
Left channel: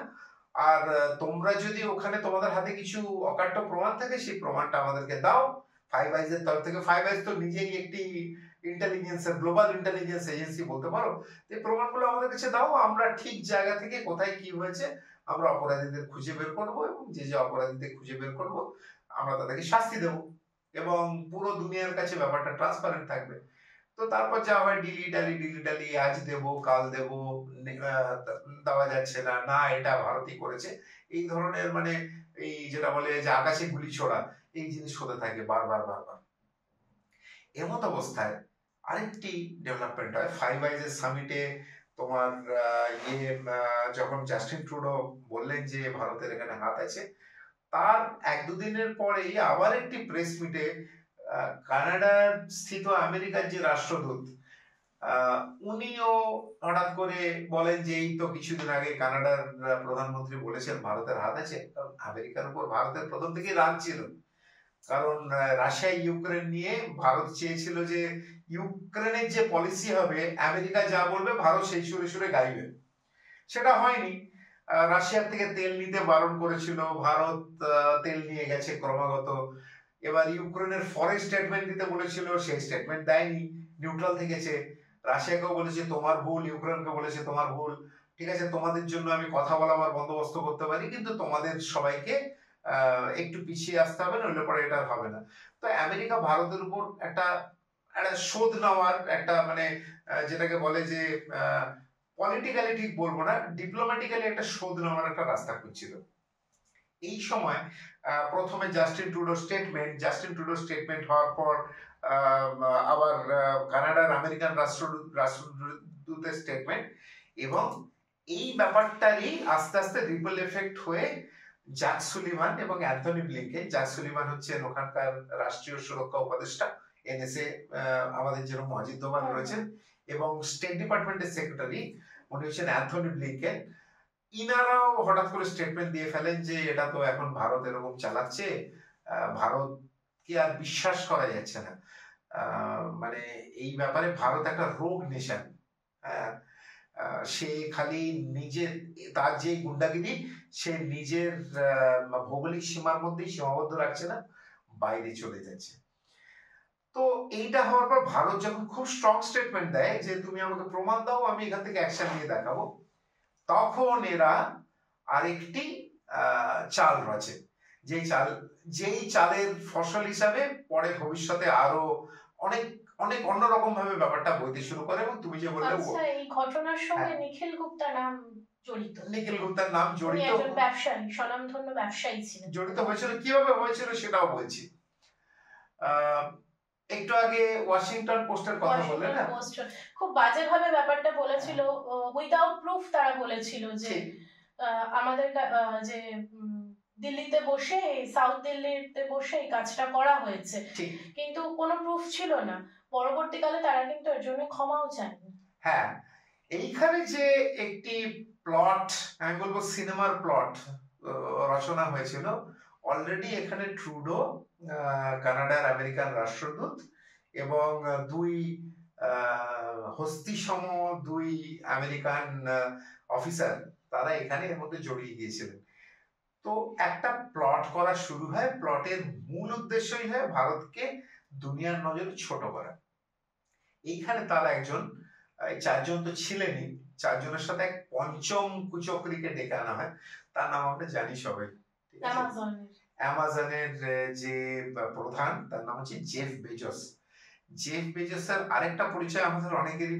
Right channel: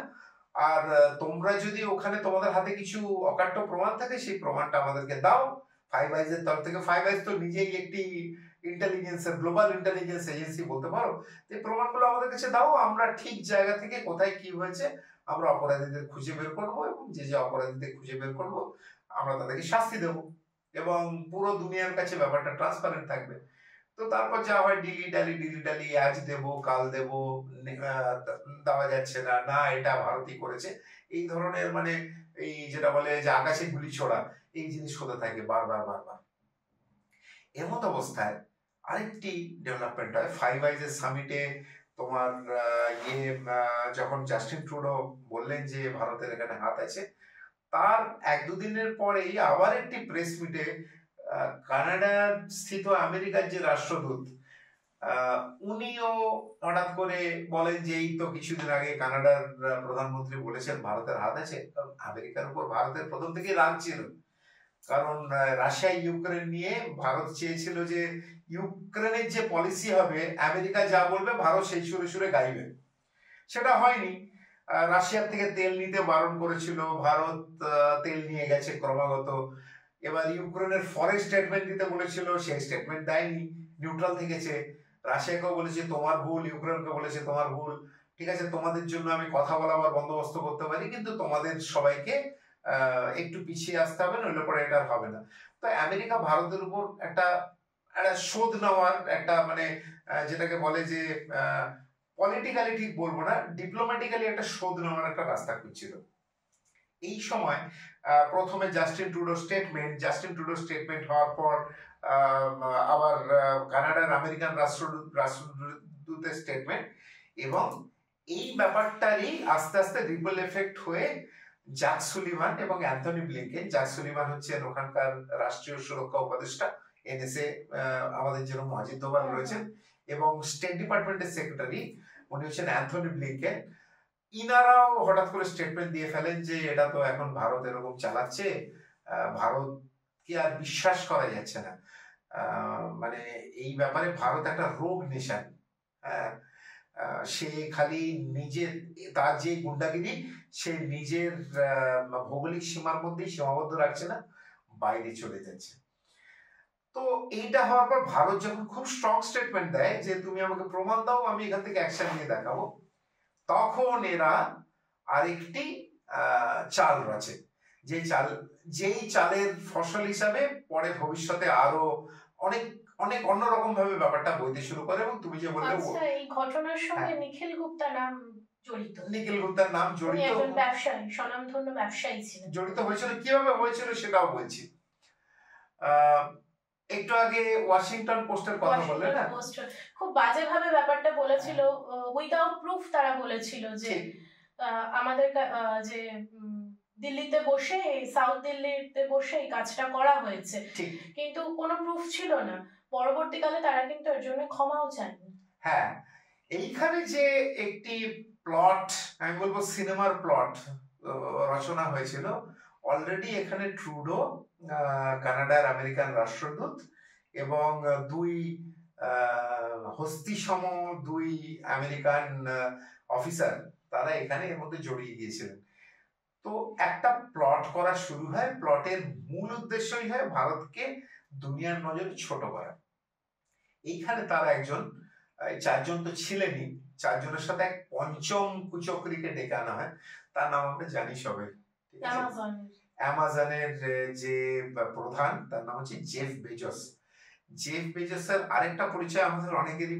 আর তোমরা যদি ওখানে তোমাদের হাতে কিছু অকাট্য প্রমাণ থাকে সেই প্রমাণটা আমাদেরকে দাও। ফাইভ আইজ এর তরফ থেকে, ফাইভ আইজ তো নিজেই একটি ইন্টেলিজেন্সের গ্লোবাল ইন্টেলিজেন্স এজেন্সি বলতে পারো, এই প্রমাণগুলো আমাদের কাছে দাও, আমরা ঠিক জায়গা থেকে কোথায় কি হয়েছে আমরা অপরাধীদের খুঁজে বের করব, এবং যে অপরাধীদের খুঁজে বের করব আমরা তাদেরকে শাস্তি দেব, এবং পুরো দুনিয়ার কাছে ব্যাপারটা ট্রান্সপারেন্ট থাকবে। তো তারপর যা হয় ডিলি ডালি, আজ দেব কাল দেব, দেওয়া যাচ্ছে না, এটা ভারতই করেছে, এই ধরনের মানে এই যেটা বলে যে আকাশে গুলি ছোড়া, এই জিনিস হতে থাকে বারবার। এমত অবস্থায় আরেকটি ডেভেলপমেন্ট হয় ফাইভ আইজ এর সামিটে। তোমার যখন জাস্টিন ট্রুডো বললেন যে ভারতের এখানে হাত আছে, তার 1-2 দিনের পরেই আবার একটি প্রেস মিটে কানাডার স্থিত আমেরিকার যে রাষ্ট্রদূত, উনিও হঠাৎ করে বলেন যে এই তো কিছুদিন আগে কানাডার প্রধানমন্ত্রী বলেছেন ভারতের হাত আছে। আমেরিকার উপর ভারতের প্রথম থেকেই রাগ ছিল, কারণ রাশিয়া ইউক্রেন নিয়ে ভারত চেয়েছিল যে ইউক্রেনের যে পলিসি হবে আমেরিকা যা বলবে ভারত সেই সুরে সুরে গাইবে। সেটা হয়নি। রাশিয়ার থেকে তেল নিতে বারণ করেছিল, ভারত তেল নিয়ে গেছে ক্রমাগত। এবার ইউক্রেনের ফরেন স্টেটমেন্ট দিতে বলেছিল, সেই স্টেটমেন্ট দেয়নি, নিউট্রাল থেকেছে। রাশিয়াকেও বলেছে তোমার ভুল, ইউক্রেনকে বলেছে তোমার ভুল, ঠিক আছে তোমাদের জন্য আমি কথা বলাবার বন্দোবস্ত করতে পারি, কিন্তু তোমাদের সবাইকে একটু পিছিয়ে আসতে হবে, নইলে পরে এটা হবে না। তো আমেরিকা ভারতের উপর একটা শোধ নেওয়ার একটা মানে যেটাকে বলে যে পলিটিক্যালি ঠিক বলবো না, ডিপ্লোম্যাটিক্যালি একটা শোধ নেওয়ার একটা রাস্তা খুঁজছিল। এই সময় প্রথমে জাস্টিন ট্রুডো স্টেটমেন্ট হওয়ার পর আবার কানাডার আমেরিকান রাষ্ট্রদূতের স্টেটমেন্ট, এবং এই ব্যাপারটারই আস্তে আস্তে রিপল এফেক্ট হয়ে জ্যাক সুলিভান এবং অ্যান্থনি ব্লিংকেন, জ্যাক সুলিভান হচ্ছেন ওখানকার রাষ্ট্রীয় সুরক্ষা উপদেষ্টা, এনএসএ আমাদের যেরকম অজিত দোভাল রয়েছেন, এবং স্টেট ডিপার্টমেন্টের সেক্রেটারি উনি হচ্ছেন অ্যান্থনি ব্লিংকেন। ইনারাও হঠাৎ করে স্টেটমেন্ট দিয়ে ফেলেন যে এটা তো এখন ভারত এরকম চালাচ্ছে, ভারত কি আর বিশ্বাস করা যাচ্ছে না। মানে এই ব্যাপারে ভারত একটা রোগ নেশন। সে খালি নিজের তার যে গুন্ডাগিরি সে নিজের ভৌগোলিক সীমার মধ্যেই সীমাবদ্ধ রাখছে না, বাইরে চলে যাচ্ছে। তো এইটা হওয়ার পর ভারত যখন খুব স্ট্রং স্টেটমেন্ট দেয় যে তুমি আমাকে প্রমাণ দাও, আমি এখান থেকে অ্যাকশন নিয়ে দেখাবো, তখন এরা আরেকটি চাল রচে, যেই চালের ফসল হিসাবে পরে ভবিষ্যতে আরো অনেক অনেক অন্যরকম ভাবে ব্যাপারটা বইতে শুরু করে। এবং তুমি যে বললে এই ঘটনার সঙ্গে নিখিল গুপ্তা নাম জড়িত, নিখিল গুপ্তার নাম জড়িত, একজন ব্যবসায়ী, স্বনামধন্য ব্যবসায়ী ছিলেন। জড়িত হয়েছিল, কিভাবে হয়েছিল সেটাও বলছি। একটু আগে ওয়াশিংটন পোস্টের কথা বললে না, খুব বাজেভাবে ব্যাপারটা বলেছিল, উইদাউট প্রুফ তারা বলেছিল যে আমাদের যে দিল্লিতে বসে, সাউথ দিল্লিতে বসে এই কাজটা করা হয়েছে, কিন্তু কোনো প্রুফ ছিল না। পরবর্তীকালে তারা কিন্তু এর জন্য ক্ষমাও চায়নি। হ্যাঁ, এইখানে যে একটি প্লট, আমি বলবো সিনেমার প্লট রচনা হয়েছিল, অলরেডি এখানে ট্রুডো, কানাডার আমেরিকান রাষ্ট্রদূত, এবং দুই হস্তিসম দুই আমেরিকান অফিসার, তারা এখানে এর মধ্যে জড়িয়ে গিয়েছিলেন। তো একটা প্লট করা শুরু হয়, প্লটের মূল উদ্দেশ্যই হয় ভারতকে দুনিয়ার নজরে ছোট করা। এইখানে তারা একজন, চারজন তো ছিলেনই, চারজনের সাথে এক পঞ্চম কুচক্রীকে ডেকে আনা হয়, তার নাম আমরা জানি সবাই, অ্যামাজনের যে প্রধান, তার নাম হচ্ছে জেফ বেজোস। জেফ বেজোসের আরেকটা পরিচয় আমাদের অনেকেরই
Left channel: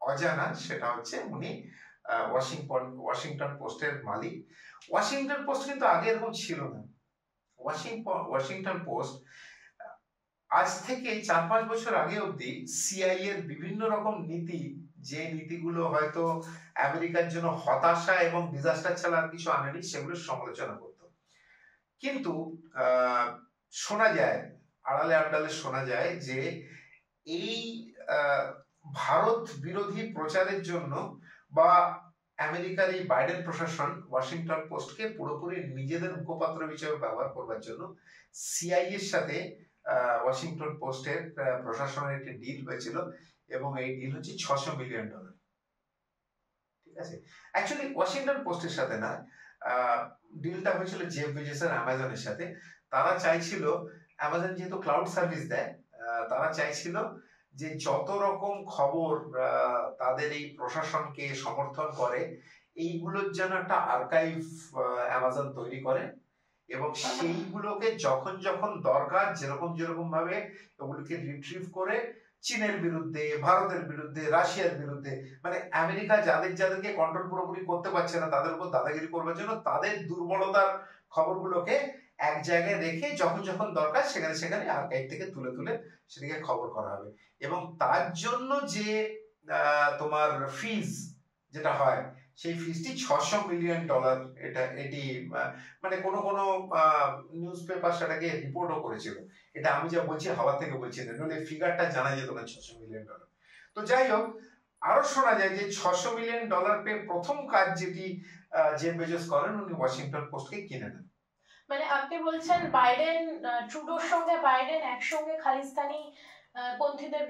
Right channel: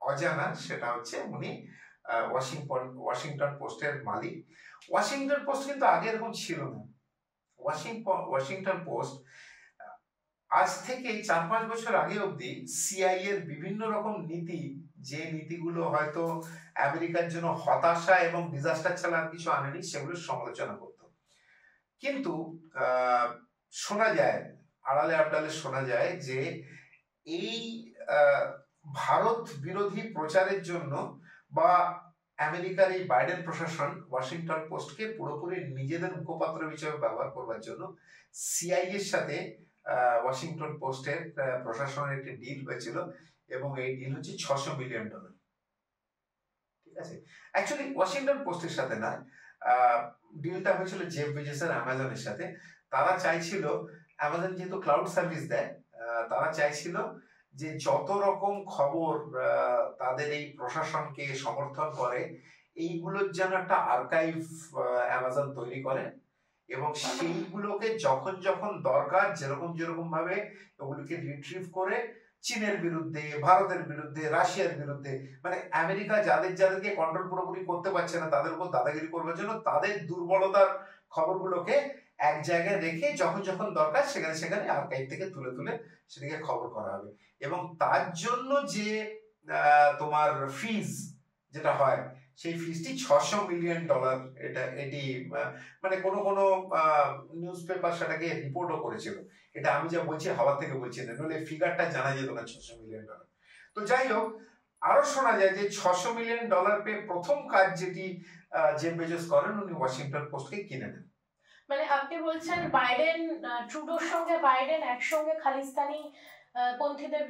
অজানা, সেটা হচ্ছে উনি ওয়াশিংটন পোস্টের মালিক। ওয়াশিংটন পোস্ট কিন্তু আগে এরকম ছিল না। ওয়াশিংটন পোস্ট আজ থেকে 4-5 বছর আগে অবধি সিআইএ এর বিভিন্ন রকম নীতি, যে নীতিগুলো হয়তো আমেরিকার জন্য হতাশা এবং ডিজাস্টার ছাড়া আর কিছু আনেনি, সেগুলোর সমালোচনা করত। কিন্তু শোনা যায়, আড়ালে আবডালে শোনা যায় যে এই ভারত বিরোধী প্রচারের জন্য বা আমেরিকার এই বাইডেন প্রশাসন ওয়াশিংটন পোস্টকে পুরোপুরি নিজেদের মুখপাত্র হিসেবে ব্যবহার করবার জন্য সিআইএ এর সাথে ওয়াশিংটন পোস্টের প্রশাসনের একটি ডিল হয়েছিল, এবং এই ডিল হচ্ছে $600 মিলিয়ন। ঠিক আছে, অ্যাকচুয়ালি ওয়াশিংটন পোস্টের সাথে না, ডিলটা হয়েছিল জেফ বেজোসের অ্যামাজনের সাথে। তারা চাইছিল, অ্যামাজন যেহেতু ক্লাউড সার্ভিস দেয়, তারা চাইছিল যে যত রকম খবর তাদের এই প্রশাসনকে সমর্থন করে, এইগুলোর যেন একটা আর্কাইভ অ্যামাজন তৈরি করে, এবং সেইগুলোকে যখন যখন দরকার যেরকম যেরকম ভাবে ওগুলোকে রিট্রিভ করে চীনের বিরুদ্ধে, ভারতের বিরুদ্ধে, রাশিয়ার বিরুদ্ধে, মানে আমেরিকা যাদেরকে কন্ট্রোল পুরোপুরি করতে পারছে না তাদের উপর দাদাগিরি করবার জন্য তাদের দুর্বলতার খবরগুলোকে এক জায়গায় রেখে যখন যখন দরকার সেখানে সেখানে আর্কাইভ থেকে তুলে তুলে সেটাকে খবর করা হবে। এবং তার জন্য যে তোমার ফিজ যেটা হয়, সেই ফিজটি $600 মিলিয়ন। এটি মানে কোনো কোনো নিউজ পেপার সেটাকে রিপোর্টও করেছিল। এটা আমি যা বলছি হাওয়া থেকে বলছি না, নইলে ফিগারটা জানা যেত না, $600 মিলিয়ন। তো যাই হোক, আরো শোনা যায় যে $600 মিলিয়ন পেয়ে প্রথম কাজ যেটি জেফ বেজোস করেন, উনি ওয়াশিংটন পোস্টকে কিনে নেন। মানে আপনি বলছেন বাইডেন, ট্রুডোর সঙ্গে বাইডেন একসঙ্গে খালিস্তানি পন্থীদের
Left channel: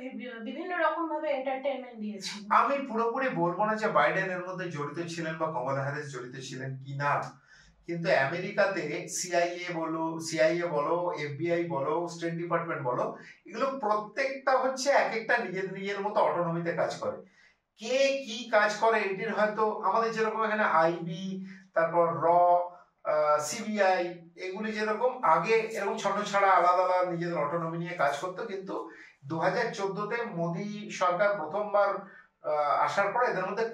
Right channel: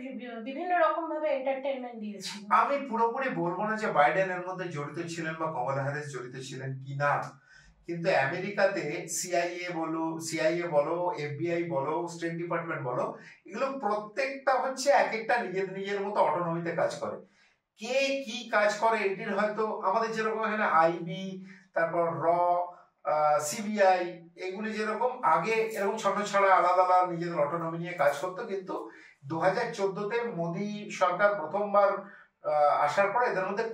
বিভিন্ন রকম ভাবে এন্টারটেইনমেন্ট দিয়েছিল। আমি পুরোপুরি বলবো না যে বাইডেন এর মধ্যে জড়িত ছিলেন বা কমলা হ্যারিস জড়িত ছিলেন কিনা, কিন্তু আমেরিকাতে সিআইএ বলো, এফবিআই বলো, স্টেট ডিপার্টমেন্ট বলো, এগুলো প্রত্যেকটা হচ্ছে এক একটা নিজের মতো অটোনমিতে কাজ করে। কে কি কাজ করে এটির হয়তো আমাদের যেরকম এখানে আইবি, তারপর সিবিআই, এগুলি যেরকম আগে এরকম ছোট ছাড়া আলাদা আলাদা নিজেদের অটোনমি নিয়ে কাজ করতো, কিন্তু 2014-তে মোদী সরকার প্রথমবার আসার পরে এদের মধ্যে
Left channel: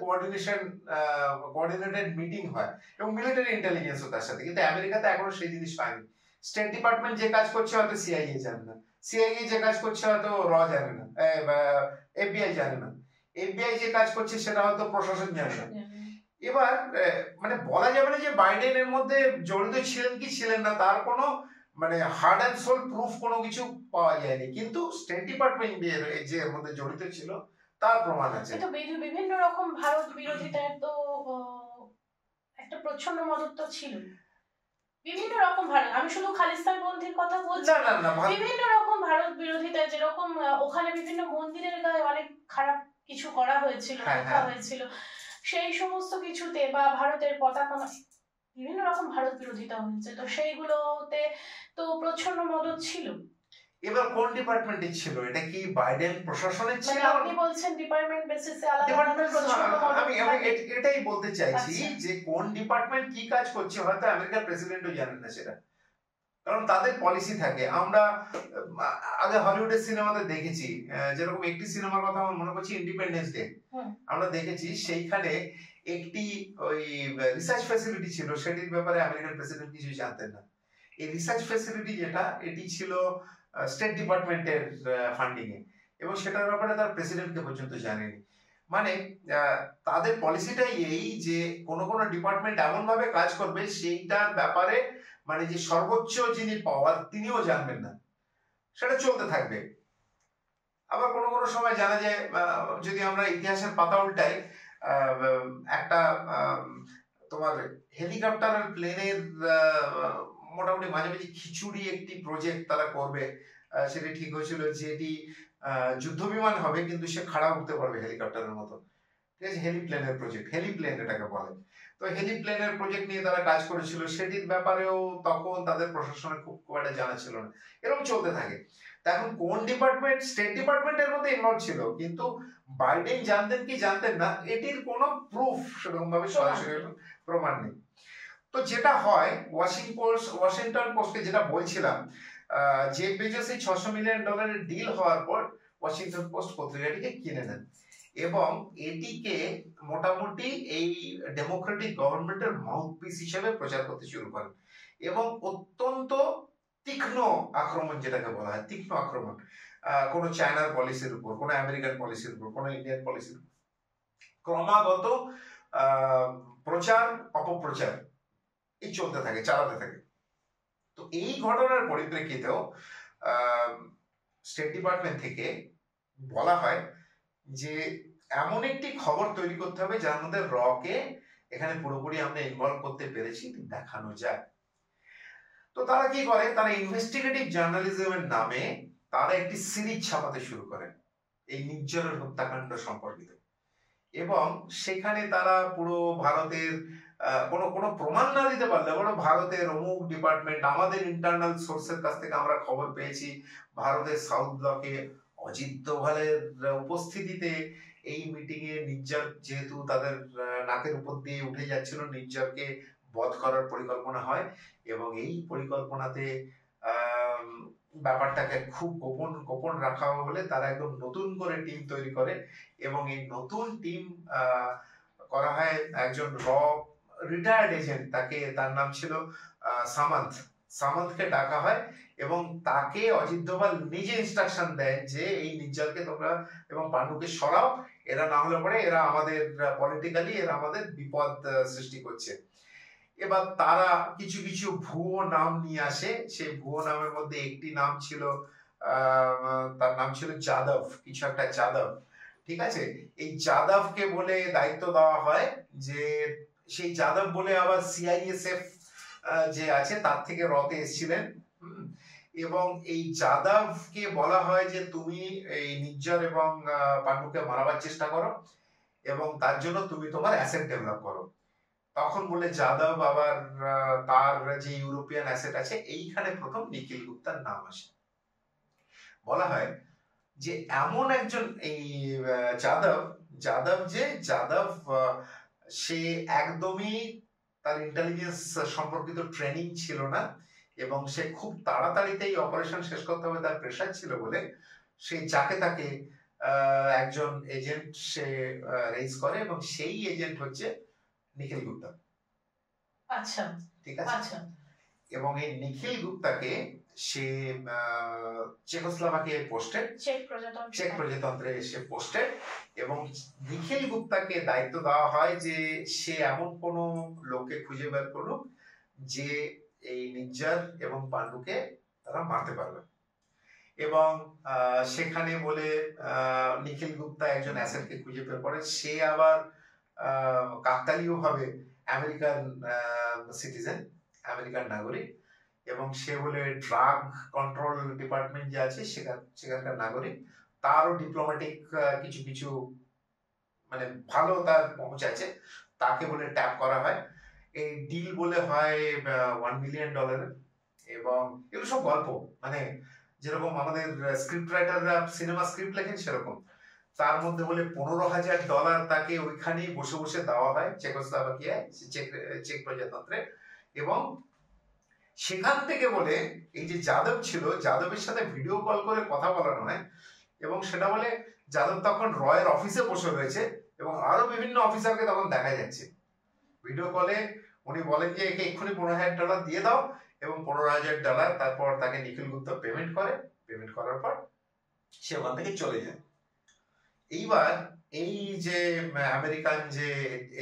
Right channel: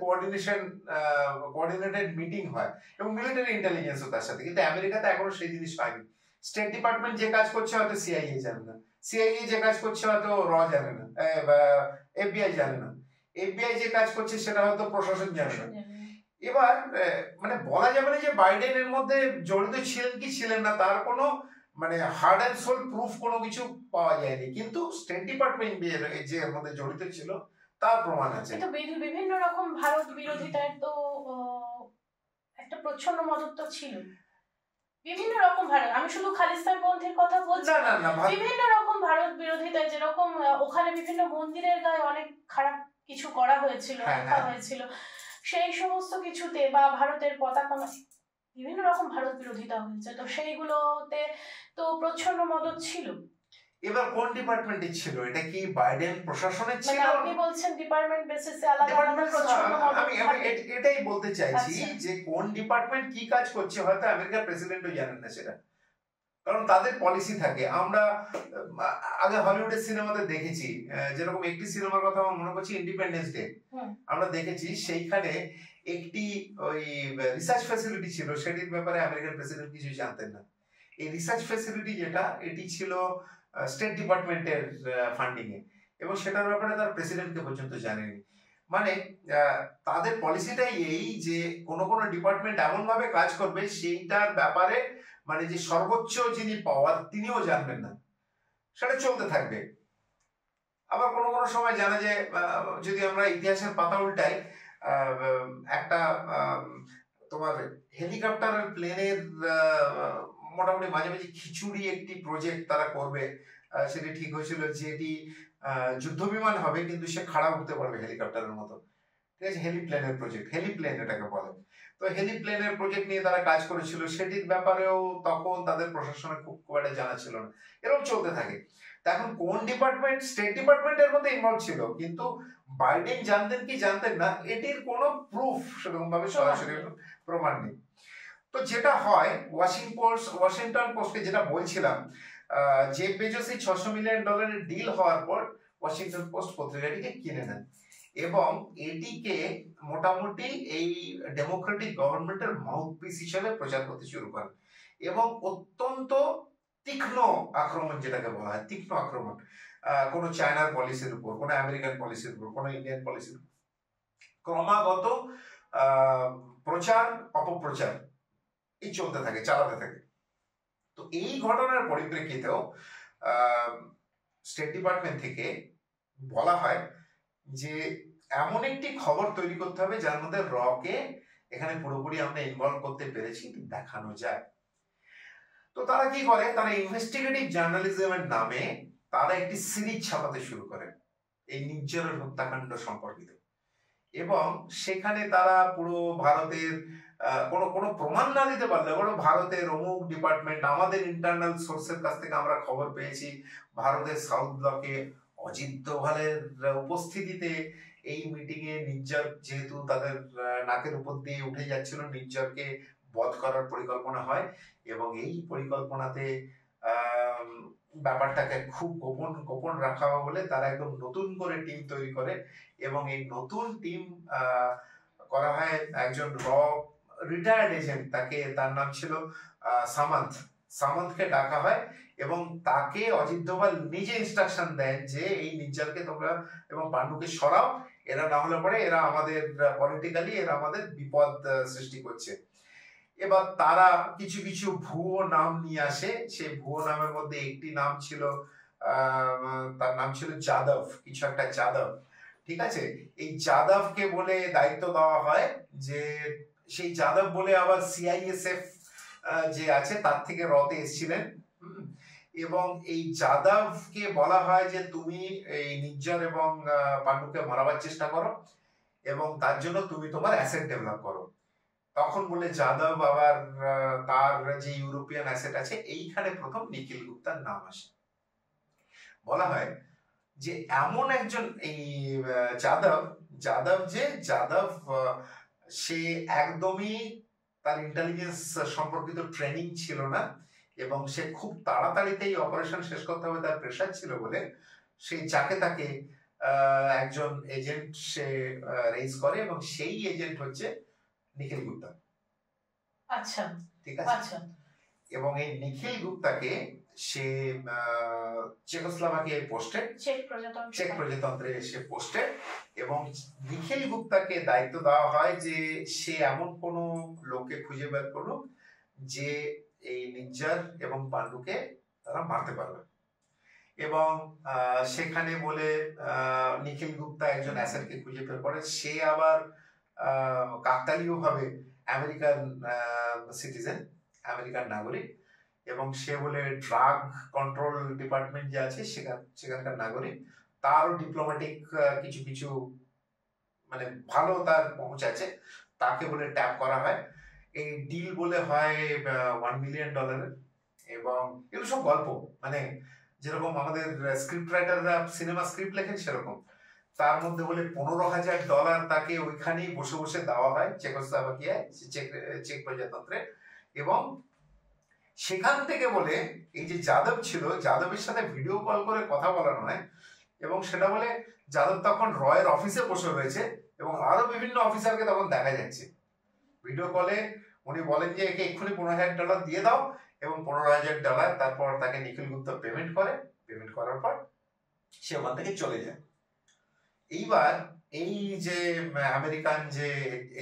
কোঅর্ডিনেটেড মিটিং হয়, এবং মিলিটারি ইন্টেলিজেন্সও তার সাথে। কিন্তু আমেরিকাতে এখনো সেই জিনিস পায়নি। স্টেট ডিপার্টমেন্ট যে কাজ করছে হয়তো সিআইএ জানে না, সিআইএ যে কাজ করছে হয়তো জানে না, এফবিআই জানে না, এফবিআই যে কাজ করছে সেটা হয়তো প্রশাসন জানে না। এবার মানে বলা যাবে না যে বাইডেন এর মধ্যে জড়িত ছিলেন কি ছিলেন না, তার কোনো মানে হার্ড অ্যান্ড সোল প্রুফ কোনো কিছু পাওয়া যায়নি, কিন্তু স্টেট ডিপার্টমেন্ট যে এর মধ্যে জড়িত ছিল তার প্রমাণ আছে। কিন্তু বিভিন্ন রকম ভারত বিরোধিতার তো একটা প্রচ্ছন্ন মদত ছিল। বিভিন্ন রকম ভারত, আমি শুধু খালিস্তান পন্থীর কথা বলছি না না না বিভিন্ন রকম ভারত বিরোধিতায়, যেরকম ওখানে বিভিন্ন মন্দিরের গায়ে অনেক খারাপ কিছু করা হয়েছিল, লেখা হয়েছিল, সেই সমস্ত কিছুতে বা ভারতের পতাকা বিভিন্ন রকম ভারত বিরোধিতা হয়েছে, তো সেইগুলোতে তো প্রচ্ছন্ন মদত ছিল। এবার কোন ডিপার্টমেন্টে ছিল? এটা কি বাইডেন প্রশাসনের ছিল? আপনি বলছেন ডিপার্টমেন্ট বেসিসে আলাদা প্রচ্ছন্ন মদত। আমি এটাই বলতে চাইছি যে কোন ডিপার্টমেন্ট কি কাজ করছে হয়তো আমেরিকার প্রেসিডেন্টও জানেন না সেটা, কারণ তাদের পলিসি থাকে। আমরা আগে হলিউডের সিনেমাতে দেখেছি, যেরকম একটি সিনেমার কথা আমার মনে করছি ইন্ডিপেন্ডেন্স ডে, আমরা দেখেছি সেইখানে একটি ওই রিসার্চ ফ্যাসিলিটি ছিল, সেটির ব্যাপারে আমেরিকার প্রেসিডেন্ট কিছু জানতেন না। এই রিসার্চ ফ্যাসিলিটি যেটা, এটি ছিল স্টেট ডিপার্টমেন্টের ফান্ডিং এ, এবং সেটার ব্যাপারে তার প্রেসিডেন্টকে পর্যন্ত জানেনি। মানে তাদের পলিসিটাই এই যে কোন কোন ডিপার্টমেন্ট এমন ভাবে কাজ করবে সেইটার ব্যাপারে মানে যে সর্বোচ্চ যিনি পাওয়ার তিনিও জানবেন না, সেটা চলতে থাকবে। আবার কোনো কোনো সময় জানা যায়, যদি আমরা ইতিহাসের পাতা উল্টাই, একটা তোমার হেলিকপ্টার আর প্লেনের মোটামুটি মাঝে মাঝে খিচুড়ি একটি প্রজেক্ট তারা করবে, সেটি ঠিক হয়েছিল যেটি যুদ্ধ বিমান হবে কিন্তু সে খাড়া উঠতে পারবে হেলিকপ্টারের মতো, ঠিক আছে, হেলিপ্লেনের প্রজেক্ট, হেলিপ্লেন এটাকে বলে। তো হেলিপ্লেনের প্রজেক্ট নিয়ে তারা কাজ করেছিল, সেটির ব্যাপারেও তখন তাদের প্রশাসনের খুব একটা জানা ছিল না। এরকম চলতে থাকে। এখন কোন ডিপার্টমেন্ট, স্টেট ডিপার্টমেন্টের মধ্যে ইনভলভ ছিল, কিন্তু বাইডেন জানতেন কি জানতেন না এটির কোনো প্রুফ সেরকম ভাবে সরাসরি প্রমাণ নেই। তো যেটা হয়, ওয়াশিংটন পোস্টে যেটা বলছিলাম, জেফ বেজোস এই $600 মিলিয়ন ডিল হওয়ার পর ওয়াশিংটন পোস্ট পত্রিকাটিকে কিনে নেন এবং এটিকে মোটামুটি এই ডেমোক্রেটিক গভর্নমেন্টের মাউথপিস হিসেবে প্রচার করতে শুরু করেন এবং অত্যন্ত তীক্ষ্ণ আক্রমণ, যেটাকে বলা হয় তীক্ষ্ণ আক্রমণ, কোনো চায়নার পলিসির উপর, কোনো আমেরিকান পলিসির উপর, কোনো ইন্ডিয়ান পলিসির উপর ক্রমাগত প্রচার অপপ্রচার এই চলতে থাকে, চালাতে থাকে। তো এই ঘটনার পরিপ্রেক্ষিতেও স্টেট ডিপার্টমেন্ট থেকে বলা হয় যে এমন একটি খবর তৈরি করতে হবে যার মধ্যে রকে এখানে পুরোপুরি আমরা ইনভলভ করতে পেরেছি দেখানো যায়। তো তারা কি করে, তারা ইনভেস্টিগেটিভ জার্নালিজমের নামে তারা একটি সিরিজ ছাপাতে শুরু করে এই নির্জরের হত্যাকাণ্ড সম্পর্কিত, এবং সেখানে তারা পুরো ভারতের কোনো প্রমাণ না দিতে পারলে বড় ভারতের অমুক ডিপার্টমেন্ট, আমাদের ইন্টারনাল সোর্সের কাছ থেকে আমরা খবর পেয়েছি ভারতের সাউথ ব্লকে অজিত দোভালের উপস্থিতিতে এই মিটিং এ নির্ঝর যেহেতু তাদের নাকের উপর দিয়ে উঠে যাচ্ছিল, নির্ঝরকে বধ করার পরিকল্পনা হয় এবং এই পরিকল্পনাতে ব্যাপারটাকে খুব গোপন রাখা হবে বলে তারা একদম নতুন করে টিম তৈরি করে এবং এই নতুন টিম করা হয় একজন রিটায়ার্ড এজেন্ট, তার নাম ছিল সামন্তকে ডাকা হয় এবং তাকে অজিত দোভাল নিজে ইনস্ট্রাকশন দেয় যে এই নির্ঝরকে তোমরা এবং পাণ্ডুকে সরাও, এরা না হলে পরে এরা আমাদের পলিটিক্যালি এরা আমাদের বিপদ সৃষ্টি করছে। এবার তারা কিছু কিছু ভুয়ো নাম নিয়ে আসে, সেই ভুয়ো নামের মধ্যে একটি নাম ছিল তার নাম ছিল যাদব, কিছু একটা যাদব, ঠিক আছে। এই যাদবকে বলে দায়িত্ব দেওয়া হয় যে সেই যাদব বলে আবার সিআইএসএফ যে আছে তার থেকে রতে এসেছিলেন, এবং এই যাদবকে বলা হয় যে তুমি এই নির্ঝর এবং পাণ্ডুকে মারাবার চেষ্টা করো এবং তার জন্য তুমি তোমার অ্যাসেট ডেভেলপ করো। তখন বলে যাদব আবার তার যে ইউরোপিয়ান অ্যাসেট আছে এইখানে প্রথম নিখিল গুপ্তার নাম আসে। বলা হয় যে এমন একজন এই যাদব সে একদমই তার ইন্টেলিজেন্স সম্পর্কিত ট্রেনিং ছিল না এবং সে খুব তাড়াতাড়িতে এই অপারেশন শেষ করতে হবে তার প্রেশার ছিল বলে সে যাকে তাকে একজন এজেন্ট সে রেজ করে এবং সেই এজেন্ট হচ্ছে নিখিল গুপ্তা। আচ্ছা, ঠিক আছে। এবং এই নিখিল গুপ্তাকে সে চেকোস্লোভাকিয়ায় পোস্টেড, চেক প্রজাতন্ত্রে সে পোস্টেড, এবং নিখিল গুপ্তাকে দায়িত্ব দেওয়া হয় যে সে এমন কোন লোককে খুঁজে বের করুক যে এই নির্ঝর এবং পাণ্ডুকে তারা মারতে পারবে। এবং সেখানে বলে নিখিল গুপ্তা একজন অ্যাসেটকে খুঁজে বের করে, সে আবার কাকতালীয় ভাবে আমেরিকান সিটিজেন, আমেরিকান নাগরিক, এবং সে বলে ড্রাগ কন্ট্রোল ডিপার্টমেন্ট যে আছে সেখানকার নাগরিক, তারও ডিপ্লোম্যাটিক কিছু কিছু মানে ভালো তার পৌঁছ আছে, তাকে বলে ট্যাপ করা হয়। এই ডিল বলে হয় $1 মিলিয়ন। এবং এগুলো সব গল্প, মানে যেরকম আমাদের স্ক্রিপ্ট রাইটাররা সিনেমা স্ক্রিপ্ট লেখেন সেরকম। তার মধ্যে বলে $15,000 তাকে ওইখানেই বসে বসে দেওয়া হয় চেকোস্লোভাকিয়ায়, চেক প্রজাতন্ত্রে। এবং সেখান থেকে বলে এই যে যাদব ছিল, যাদবের সাথে ভিডিও কল করে কথা বলানো হয়, এবং সেটা বলে যাদব তখন রয়ের অফিসে বসে রয়েছে এবং আরো বিভিন্ন অফিসারকে তখন দেখা যাচ্ছে ভিডিও কলে। উনি বলেন যে একে এক্ষুনি $15,000 দিয়ে দাও, এবং $15,000 তারপর তাকে নিখিল গুপ্তা পেমেন্ট করে। পেমেন্ট করার পর সে ওখান থেকে চলে যায়। এইবার এই যে আমেরিকান যে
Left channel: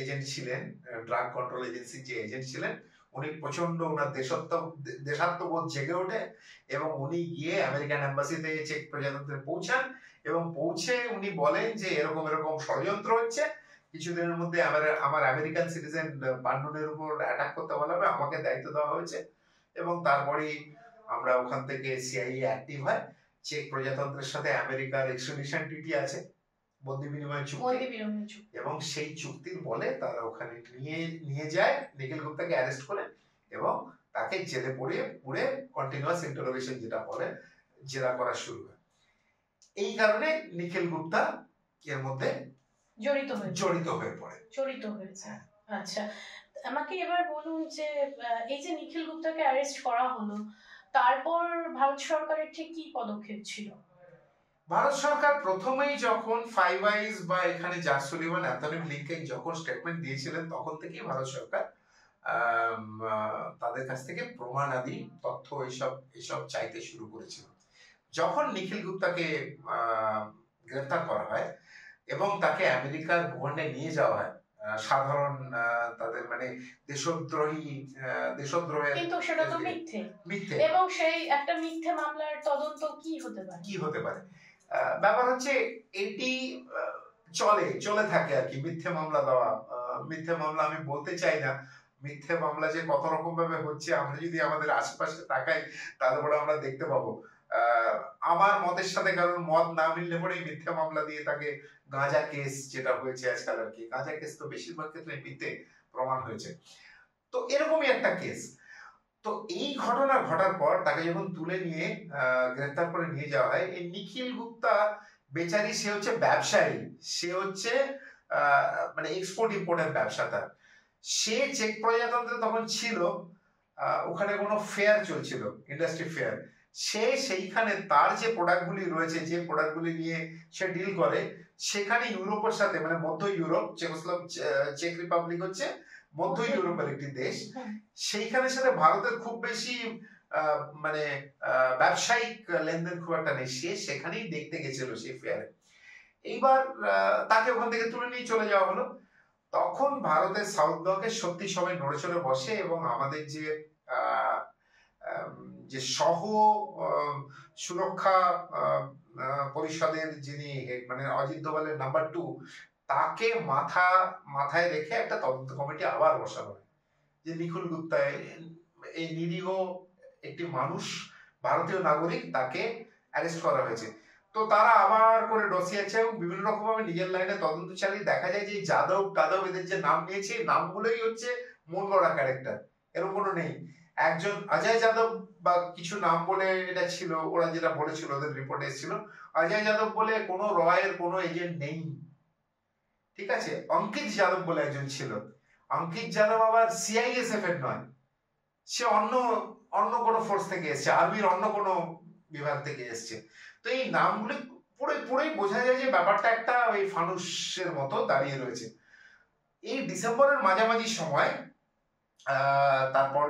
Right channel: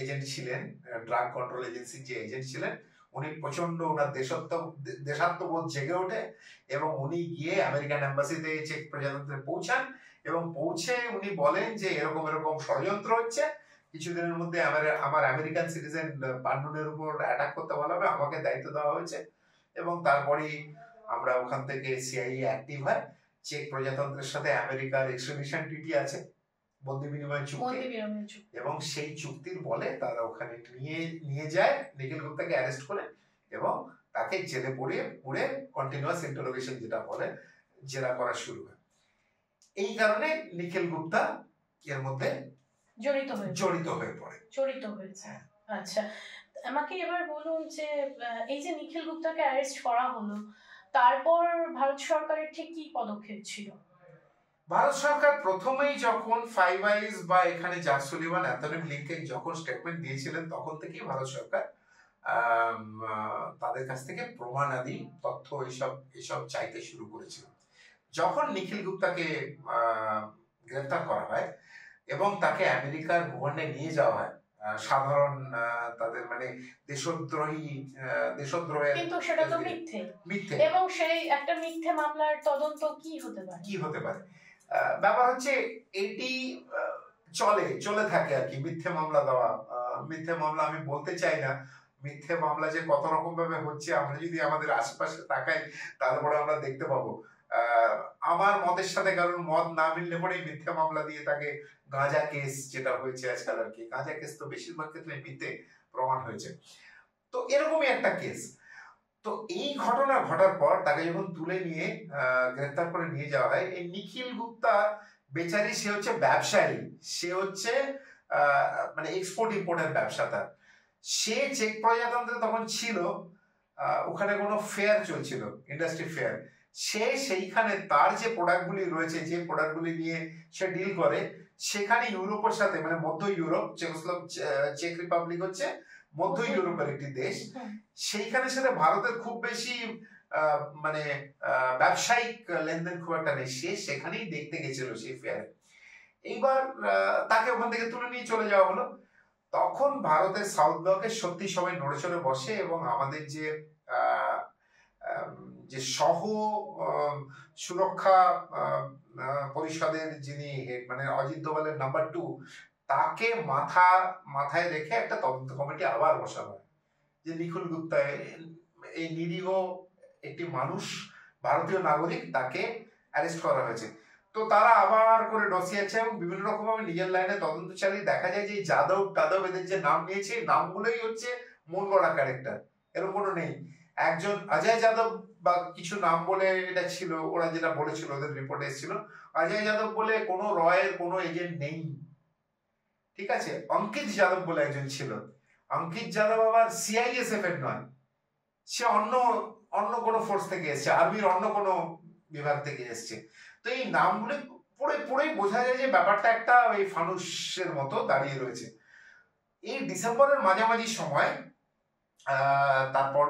এজেন্ট ছিলেন, ড্রাগ কন্ট্রোল এজেন্সির যে এজেন্ট ছিলেন, উনি প্রচন্ড ওনার দেশাত্মবোধ জেগে ওঠে, এবং উনি গিয়ে আমেরিকান এম্বাসিতে চেক প্রজাতন্ত্রে পৌঁছান, এবং পৌঁছে উনি বলেন যে এরকম এরকম ষড়যন্ত্র হচ্ছে, কিছুদিনের মধ্যে আমার আমেরিকান সিটিজেন পান্ডুনের উপর অ্যাটাক করতে বলা হবে, আমাকে দায়িত্ব দেওয়া হয়েছে। এবং তারপরেই আমরা ওখান থেকে সিআইএ অ্যাক্টিভ হয়। চেক প্রজাতন্ত্রের সাথে আমেরিকার এক্সট্রাডিশন ট্রিটি আছে, বন্দি বিনিময় চুক্তি, এবং সেই চুক্তির বলে তারা ওখানে নিয়ে যায় নিখিল গুপ্তাকে অ্যারেস্ট করে, এবং তাকে জেলে পুরে কন্টিনিউয়াস ইন্টারোগেশন যেটা বলে জেরা করা শুরু হয়। এই কারণে নিখিল গুপ্তা এর মধ্যে জড়িত হয়ে পড়ে। আচ্ছা, আমাকে এবার বলুন যে এই যে নিখিল গুপ্তাকে অ্যারেস্ট করা হলো, তারপর ভারত সরকারের ঠিক কি পদক্ষেপ ছিল? ভারত সরকার প্রথমেই যখন ফাইভ আইজ বা এখানে জ্যাক সুলিভান, অ্যান্থনি ব্লিংকেন যখন স্টেটমেন্ট দিয়েছিলেন, তখন থেকেই ভারত সরকার তাদের কাছ থেকে প্রমাণাদি তথ্য এইসব চাইতে শুরু করেছিল। যখন নিখিল গুপ্তাকে গ্রেফতার করা হয় এবং তাকে আমেরিকার ভবনে নিয়ে যাওয়া হয়, সাধারণ তাদের মানে দেশদ্রোহের, কিন্তু সেটা তো মিথ্যে, এবং সেই একটা মিথ্যে মামলার তদন্ত কি হতে পারে? ব্যাপার হচ্ছে এটি চলে থাকে আর কি, মিথ্যে মামলা দেওয়া। মিথ্যে মামলা আমি বলতে চাই না, মিথ্যে মামলা যে কত রকম ভাবে হচ্ছে, আমরা যদি আমাদের আশেপাশে তাকাই তারপরে আমরা দেখতে পাবো। আমার মতের সাথে কারণ মত না মিললে পরেই মিথ্যে মামলা দিয়ে তাকে, গাঁজা কেস যেটা হয়েছে আজকাল আর কি, গাঁজা কেস তো বেশিরভাগ ক্ষেত্রে মিথ্যে প্রমাণ হয়েছে, তো এরকমই একটা কেস। তো এই ঘটনা ঘটার পর তাকে যখন তুলে নিয়ে গ্রেফতার করে নিয়ে যাওয়া হয়, এই নিখিল গুপ্তা বেচারি, সে হচ্ছে ব্যবসায়ী, সে হচ্ছে মানে এক্সপোর্ট ইম্পোর্টের ব্যবসা তার। সে চেক প্রজাতন্ত্রে তখন ছিল, ওখানে কোনো ফেয়ার চলছিল, ইন্ডাস্ট্রি ফেয়ার। সে সেইখানে তার যে প্রোডাক্টগুলি রয়েছে, যে প্রোডাক্টগুলি নিয়ে সে ডিল করে, সেখানে ইউরোপের সাথে, মানে মধ্য ইউরোপ, চেক রিপাবলিক হচ্ছে মধ্য ইউরোপের একটি দেশ, সেইখানে সাথে ভারতের খুব বেশি মানে ব্যবসায়িক লেনদেন খুব একটা নেই। সে সেখানেই দেখতে গেছিল সেই ফেয়ারে। এইবার তাকে ওখান থেকে তুলে নিয়ে চলে যাওয়া হলো। তখন ভারতের সাউথ ব্লকে সত্যি সবাই নড়ে চড়ে বসে, এবং আমাদের যে সহ সুরক্ষা পরিষদের যিনি মানে অজিত দোভালের নাম্বার 2, তাকে মাথায় রেখে একটা তদন্ত কমিটি আবার বসানো হয়, যে নিখিল গুপ্তা এই নিরীহ একটি মানুষ, ভারতীয় নাগরিক, তাকে অ্যারেস্ট করা হয়েছে। তো তারা আবার করে ডসিয়েছে এবং বিভিন্ন রকম ভাবে নিজের লাইনে তদন্ত চালিয়ে দেখা যায় যে যাদব এদের যে নাম নিয়েছে, নামগুলোই হচ্ছে মন গড়া ক্যারেক্টার, এরকম কোনো নেই। একজন অজয় যাদব বা কিছু নাম বলে এটা ছিল, ওরা যেটা বলেছিল, ওদের রিপোর্টে এসেছিল, অজয় যাদব বলে কোনো রয়ের কোনো এজেন্ট নেই, ঠিক আছে। অঙ্কিত যাদব বলে একজন ছিল, অঙ্কিত যাদব আবার সিআইএসএফ এর নয়, সে অন্য কোনো ফোর্স থেকে এসছে, আর্মির অন্য কোনো বিভাগ থেকে এসছে। তো এই নামগুলি পুরোই বোঝা যায় যে ব্যাপারটা একটা ওই ফানুসের মতো দাঁড়িয়ে রয়েছে। এই ডিসেম্বরের মাঝামাঝি সময় তারপর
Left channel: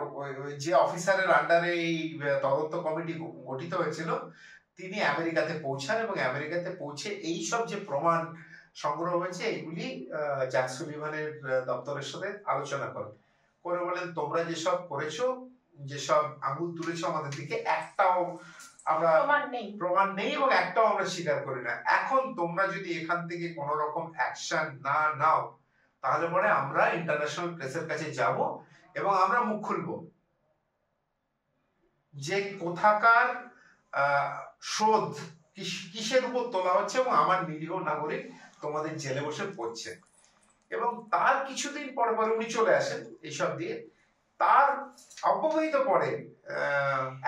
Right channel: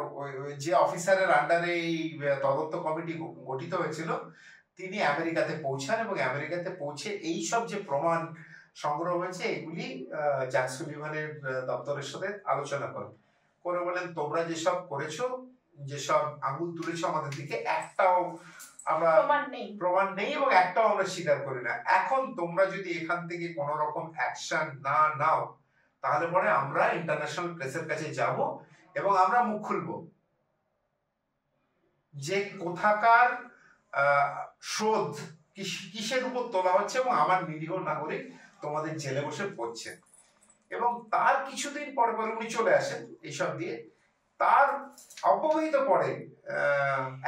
যে অফিসারের আন্ডারে এই তদন্ত কমিটি গঠিত হয়েছিল, তিনি আমেরিকাতে পৌঁছান, এবং আমেরিকাতে পৌঁছে এই সব যে প্রমাণ সংগ্রহ হয়েছে এগুলি জ্যাক সুলিভানের দপ্তরের সাথে আলোচনা করে বলেন, তোমরা যেসব করেছো, যেসব আঙুল তুলেছো আমাদের দিকে, একটাও আমরা প্রমাণ নেই এবং একটাও আমরা স্বীকার করি না। এখন তোমরা যদি এখান থেকে কোন রকম অ্যাকশন না নাও, তাহলে পরে আমরা ইন্টারন্যাশনাল প্রেসের কাছে যাব এবং আমরা মুখ খুলবো। যে কোথাকার শোধ কিসের উপর তোলা হচ্ছে এবং আমার নিরীহ নাগরিক তোমাদের জেলে বসে পড়ছে। এবং তার কিছুদিন পর পরে উনি চলে আসেন এইসব দিয়ে। তার অব্যবহিত পরে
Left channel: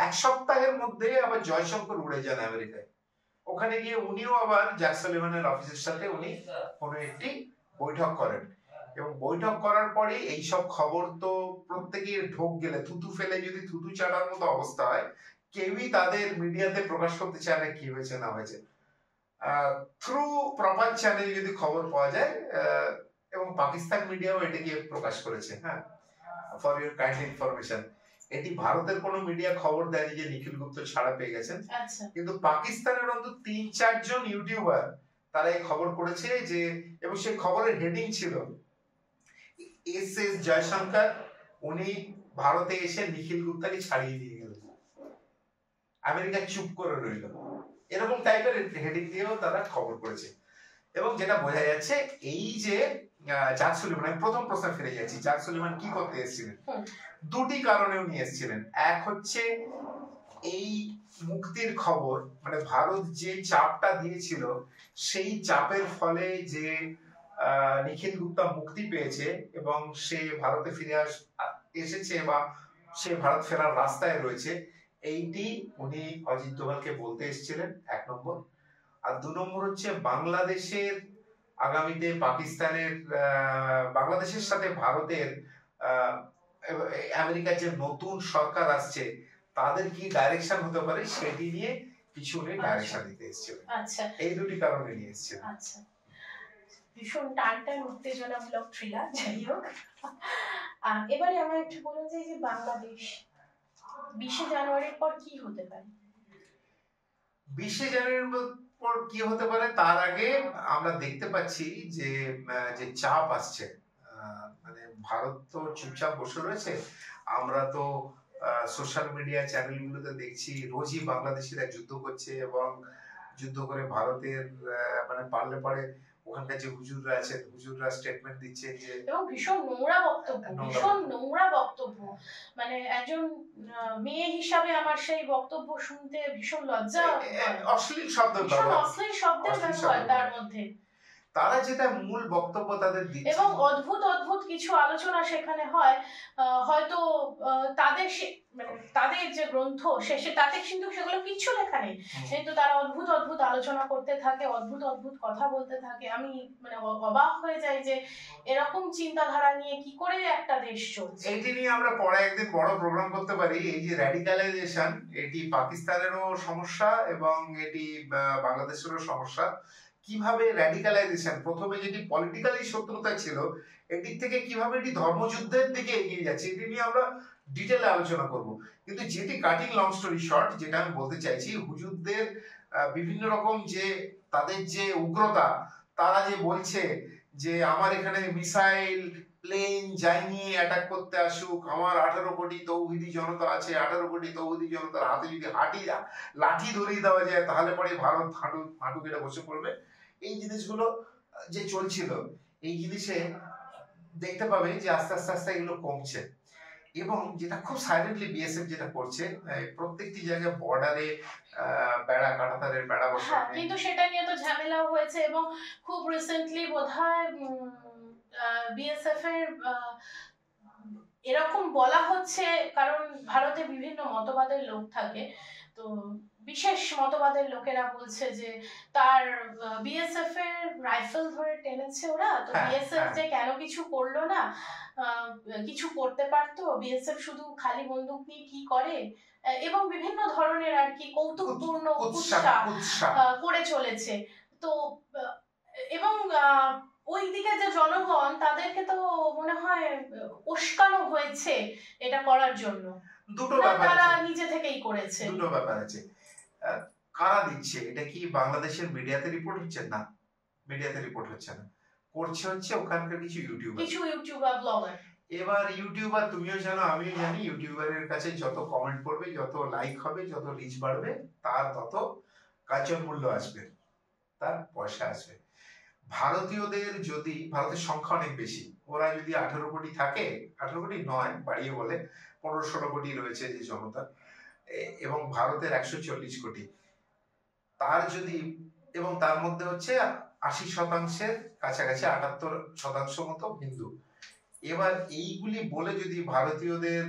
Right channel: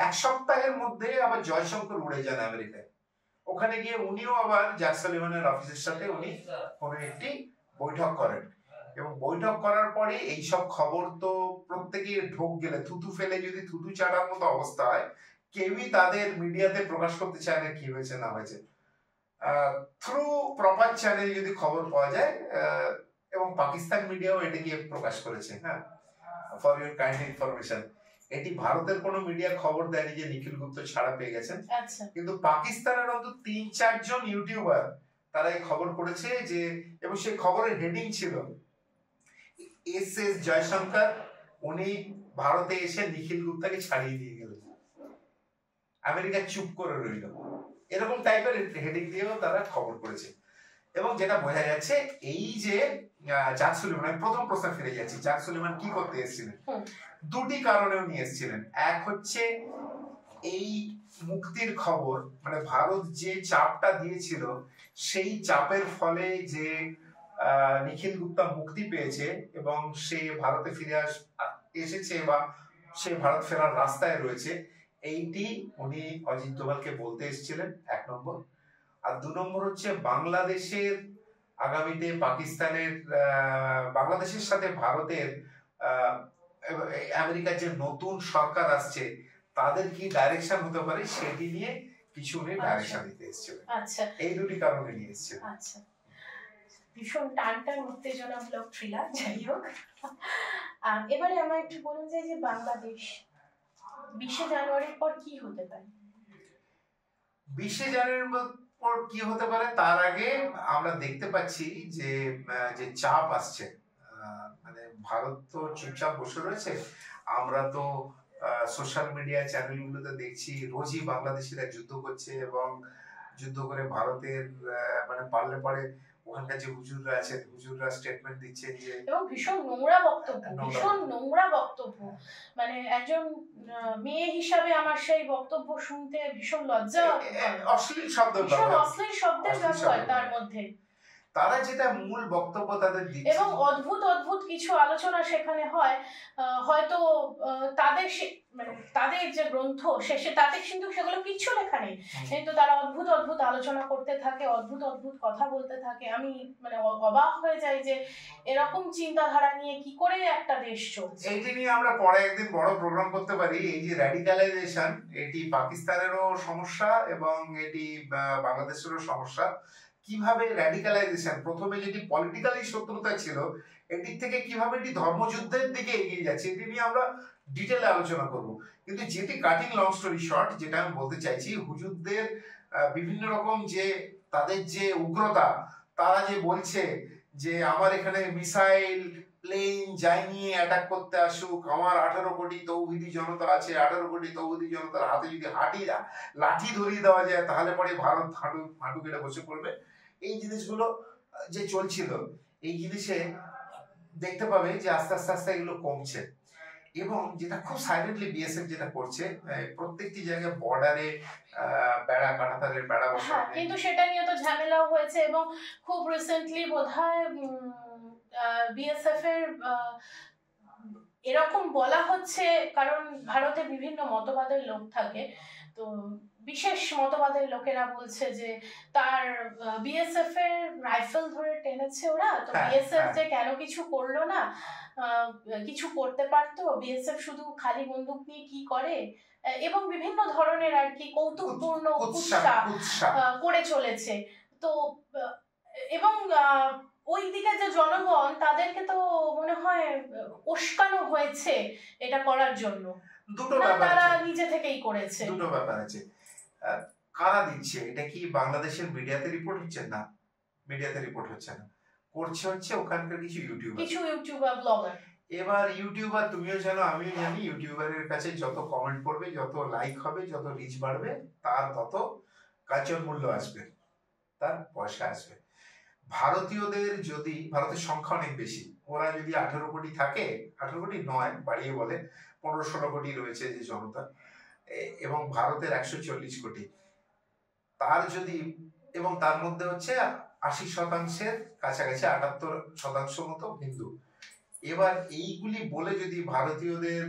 1 সপ্তাহের মধ্যে আবার জয়শঙ্কর উড়ে যান আমেরিকায়। ওখানে গিয়ে উনিও আবার জ্যাক সালিভানের অফিসের সাথে উনি কোনো একটি বৈঠক করেন, এবং বৈঠক করার পরে এইসব খবর তো প্রত্যেকে ঢোক গেলে থুতু ফেলে যদি থুতু চাটার মতো অবস্থা হয়, কেউই তাদের মিডিয়াতে প্রকাশ করতে চায় না কি হয়েছে না হয়েছে। থ্রু প্রপার চ্যানেল যদি খবর পাওয়া যায়, এবং পাকিস্তান মিডিয়াও এটাকে প্রকাশ করেছে। হ্যাঁ, ফর ইউর কাইন্ড ইনফরমেশন, এটি ভারতের কোনো মিডিয়া খবর দেয়নি যে নিখিল গুপ্ত ছাড়া পেয়ে গেছেন, কিন্তু পাকিস্তানের অন্তত 3-4 জন ইউটিউবার তারা এই খবর করেছে যে, এবং সেই খবরের হেডিং ছিল এস জয়শঙ্কর উনি ভারতে এসে নিখিল গুপ্তাকে ছাড়িয়ে দিয়ে গেলেন, আমেরিকা চুপ করে রইল, এরকম টাইপের হেডিং দিয়েও তারা খবর করেছে। এবং যেটা বোঝা যাচ্ছে এই যে জ্যাক সুলিভান, আমি প্রথম প্রশ্নে ফিরে যাচ্ছি, জ্যাক সুলিভান কি করতে এসেছিলেন? দুটি কারণে উনি এসেছিলেন। এক হচ্ছে এই মুক্তির খবর, মানে ভারত যে চাপটা দিয়েছিল সেই চাপের ফলে যে নিখিল গুপ্তা মুক্তি পেয়েছে এবং সে ভারতে ফিরে এসেছে বা সে ভারত ফেরার রাস্তায় রয়েছে, এইটি উনি অজিত দোভালকে বলতে এসেছিলেন, 1 নম্বর। আর 2 নম্বর হচ্ছে বাংলাদেশের আগামীতে বাংলাদেশের সাথে ভারতের আমেরিকার যে নতুন সরকার আসছে তাদের কি ডাইরেকশন হতে পারে সেটি নিয়ে কিছু উনি ডাইরেকশন দিতে এসেছিলেন। এই দুটি কারণে নিয়ে এসেছিলেন। ভীষণ টানটান উত্তেজনামূলক থ্রিলার। যাই হোক, এবারে আমার একটু বলুন যে বাংলাদেশ 20শে জানুয়ারির পর কি হতে পারে? 20শে জানুয়ারির পর কি হতে পারে তার আগে আমরা দেখতে পাচ্ছি যে যে চাপ আসছে, মানে ভারত তো চুপচাপ বসে রয়েছে, আমরা তো সোশ্যাল মিডিয়া চ্যানেলগুলোতে দেখছি রোজই বাংলাদেশিরা যুদ্ধ করছে এবং যুদ্ধ করে ভারতের মানে পারলে পরে ওখানকার যে হুজুররা আছেন হুজুররা স্টেটমেন্ট দিচ্ছে যে, এবং ভীষণ নোংরা বক্তব্য, মানে একজন মেয়ে হিসাবে আমার সেই বক্তব্য শুনতে ভীষণ লজ্জা, অশ্লীল শব্দের ব্যবহার তার মধ্যে। তারা যেটা মূল বক্তব্য তাদের দিচ্ছে এবং অদ্ভুত কিছু আলোচনা সেখানে হয়, হয়তো তাদের যে গ্রন্থ শেষে তাতে কিন্তু সেগুলো কিচ্ছু লেখা নেই, কিন্তু তারা অদ্ভুত আলোচনা করতে থাকে, অদ্ভুত কথা বলতে থাকে। আমি মানে অবাক হয়ে যাই যে এরকম চিন্তাধারা নিয়ে কি করে একটা দেশ চলছে। এইটি নিয়ে আমরা পরে একদিন বড় প্রোগ্রাম করতে পারি। এই যে র্যাডিকালাইজেশন, এটি পাকিস্তানেরও সমস্যা এবং এটি বাংলাদেশেরও সমস্যা। কিভাবে র্যাডিকালাইজেশন প্রথমে যেটি পলিটিক্যালি শত্রুতা ছিল, এদিক থেকে কিভাবে এটি ধর্মযুদ্ধের দিকে এগিয়ে যাচ্ছে, এটি নিয়ে আমরা ডিটেলে আলোচনা করব। কিন্তু যেটি কাটিং লং স্টোরি শর্ট, যেটা আমি বলতে চাইছি, হুজুরদের বিভিন্ন রকম যে তাদের যে উগ্রতা, তারা যে বলছে যে আমার এখানে মিসাইল প্লেন যায়নি অ্যাটাক করতে আসুক, আমার 18 কোটি তৌহিদি জনতা আছে, 18 কোটি তৌহিদি জনতার হাতে যদি লাঠি ধরিয়ে দেওয়া যায় তাহলে পরে ভারত হাঁটু কেটে বসে পড়বে। এই জিনিসগুলো যে চলছিল, এই জিনিসে দেখতে পাবে যে আস্তে আস্তে এগুলো কমছে। এবং যেটা খুব সাইলেন্টলি বিএসএফ যেটা করছে, প্রত্যেকটি জায়গায় বর্ডারে বেড়া, কাঁটাতারের বেড়া বসানো, কিন্তু সেটা নিয়ে তো ঝামেলাও হয়েছে। এবং খুব রিসেন্টলি বোধহয় বিএসএফ এর এরকম বলা হচ্ছে, কারণ ভারতে বিভিন্ন মতবাদের লোক থাকে, তো বিশেষ মতবাদের লোকেরা বলছে যে তার বিএসএফ এর রাইফেল ধরে টেনেছে ওরা, তো বিএসএফ যে কেন কিছু করলো না, কিছু করতে পারতো, বিএসএফ শুধু খালি বন্দুক নিয়ে কি করে, এবং বিভিন্ন ধরনের আর কি কৌতুকপূর্ণ উৎসাহ করে চলেছে। তো এবং ওই দিকে যে জনগণ, তাদেরকে তো মনে হয় উস্কানো হয়েছে এটা করার জন্য। দুটো ব্যাপার, তারা নিজে থেকেই করেছে। দুটো ব্যাপার আছে। কারা দিচ্ছে এটা? কি বাংলাদেশের মিডিয়াতে রিপোর্ট হচ্ছে? না, মিডিয়াতে রিপোর্ট হচ্ছে না, হচ্ছে ওখানকার কিছু ইউটিউবার ব্লগার। এবার ইউটিউবার, তুমিও জানো আমিও জানি, ইউটিউবারের কাছে যত কমেন্ট পড়বে, যত লাইক হবে, যত রিচ বাড়বে, তার তত কালচার মূল্য আসবে, তার পয়সা আসবে। ভারতীয়দের যদি, ভারতের সংখ্যা অনেক বেশি, ওরা যদি 18 কোটি থাকে, 18 কোটি নয় বাড়িয়ে বলে 15-16 কোটি রয়েছে যে জনতা, এবং ভারতের 140 কোটি, তার যদি, এবং তার মধ্যে হচ্ছে 80% কাছাকাছি 78% মতো হিন্দু। এবার এইগুলি বলে যদি ভারতীয়দের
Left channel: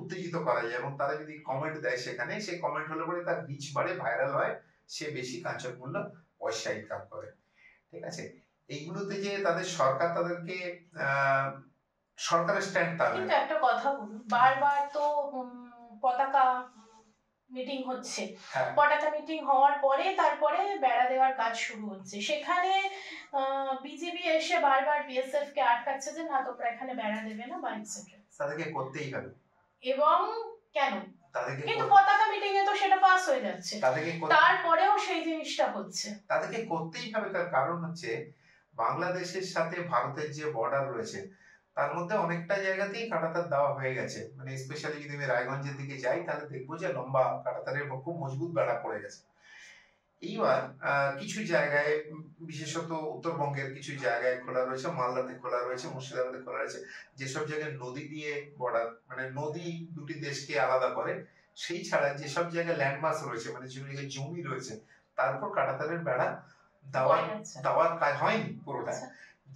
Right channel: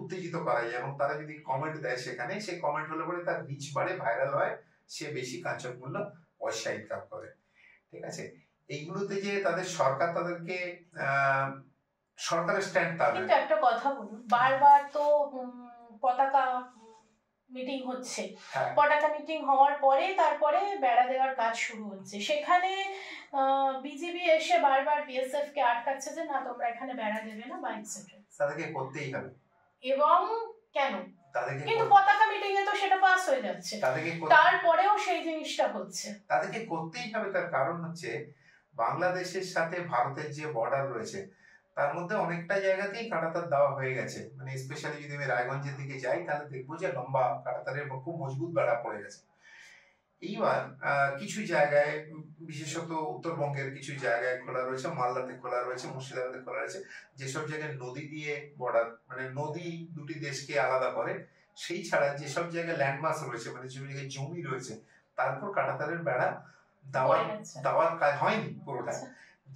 উত্তেজিত করা যায় এবং তারা যদি কমেন্ট দেয় সেখানে, সেই কমেন্ট হলে পরে তার রিচ বাড়ে, ভাইরাল হয়, সে বেশি কাঞ্চনমূল্য পয়সা ইনকাম করে। ঠিক আছে, এইগুলোতে যে তাদের সরকার তাদেরকে সরকারের স্ট্যান্ড, তার কিন্তু একটা কথা বলুন, বারবার তো পতাকা মিটিং হচ্ছে, পতাকা মিটিং হওয়ার পরে তারপরে বেড়া দেওয়ার কাজ শুরু হচ্ছে, সেখানে বিজেপি এসে বারবার বিএসএফ কে আটকাচ্ছে যে না তোমরা এখানে বেড়া দেবে না বা এটসেট্রা। তাদেরকে করতেই হবে। এবং কেন? কিন্তু পতাকা মিটিং এ তো সেটা পাস হয়ে যাচ্ছে, তারপরেও সেই জিনিসটা হচ্ছে। তাদেরকে করতেই হবে, তার কারণ হচ্ছে বাংলাদেশের সাথে ভারতের যে বর্ডার রয়েছে তার মধ্যে অনেকটা জায়গাতেই কাঁটাতার দেওয়া হয়ে গেছে। মানে স্পেশালি যদি আমি রায়গঞ্জের দিকে যাই তাহলে দেখবো যে লম্বা কাঁটাতারের খুব মজবুত বেড়া পড়ে গেছে। এইবার কিছু জায়গায়, বিশেষত উত্তরবঙ্গের কিছু জায়গায় খোলা রয়েছে, মালদাতে খোলা রয়েছে, মুর্শিদাবাদে খোলা রয়েছে, যেসব জায়গায় নদী দিয়ে বর্ডার, মানে নদী দুটি দেশকে আলাদা করে, সেই ছাড়া যেসব জায়গায় ল্যান্ডমাস রয়েছে, মানে যেসব জায়গায় জমি রয়েছে, তারপর কাঁটাতারের বেড়া দেওয়ার কাজ হয়নি পুরোটা।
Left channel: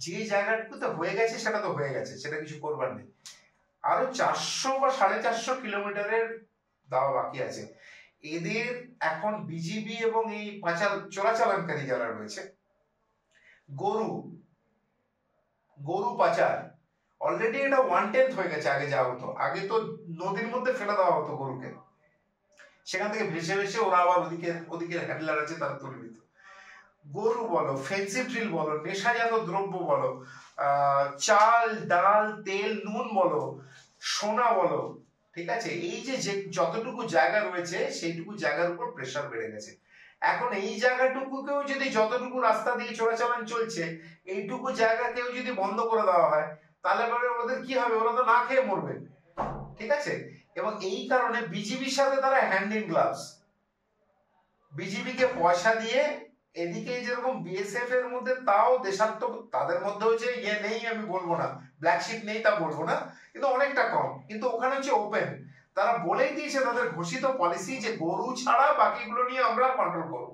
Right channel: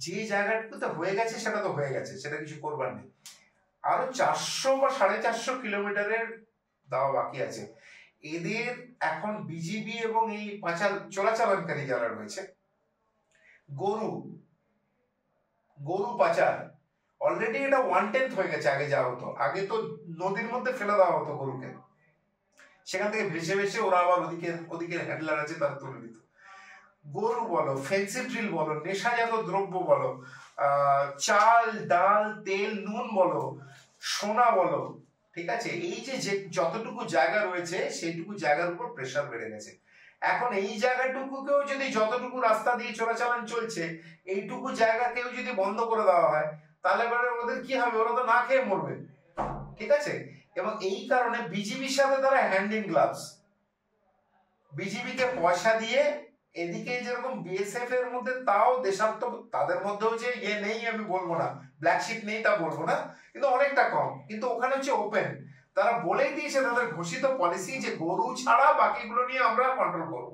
যে জায়গাটুকুতে হয়ে গেছে সেটা তো হয়ে গেছে, সেটা কিছু করবার নেই। আরো 400 বা 450 কিলোমিটারের দেওয়া বাকি আছে। এদের এখন বিজিবি এবং এই চোরাচালানকারী যারা রয়েছে, গরু পাচার অলরেডি এটা 1/10 হয়ে গেছে। আগে যা হতো, আগে তো নদীর মধ্যে ফেলে দেওয়া হতো গরুকে, সেখান থেকে ভেসে ভেসে ওরা আবার ওদিকে হ্যান্ডলার আছে তারা তুলে দিত। গরু বলো, ফেন্সিডিল বলো, নেশাজাত দ্রব্য বলো, চাল ডাল তেল নুন বলো, সোনা বলো, ঠিক আছে, এই যে যতটুকু জায়গা রয়েছে সেইটুকু জায়গার উপর প্রেসার বেড়ে গেছে। এখন এই জায়গাটুকুকেও যদি, যতটুকু রাস্তা দিয়ে চলাচলন চলছে, এইটুকু জায়গাকেও যদি বন্ধ করে দেওয়া হয় তাহলে ওদের কি হবে? ওরা তো না খেয়ে মরবে। ঠিক আছে, এবং এই কারণে বিজিবির সাথে তারা হ্যান্ড ইন গ্লাভস, বিজিবিকে পয়সা দিয়ে, এদিকে যেরকম বিএসএফ এর মধ্যে তাও দেশাত্ম, তাদের মধ্যেও যে ইয়ে নেই আমি বলবো না, ব্ল্যাক শিট নেই তা বলবো না, কিন্তু অনেকটা কম। কিন্তু ওখানে হচ্ছে ওপেন, তারা বলেই দিয়েছে তাদের ঘোষিত পলিসি যে গরু ছাড়া বাকিগুলো নিয়ে আমরা কন্ট্রোল করবো।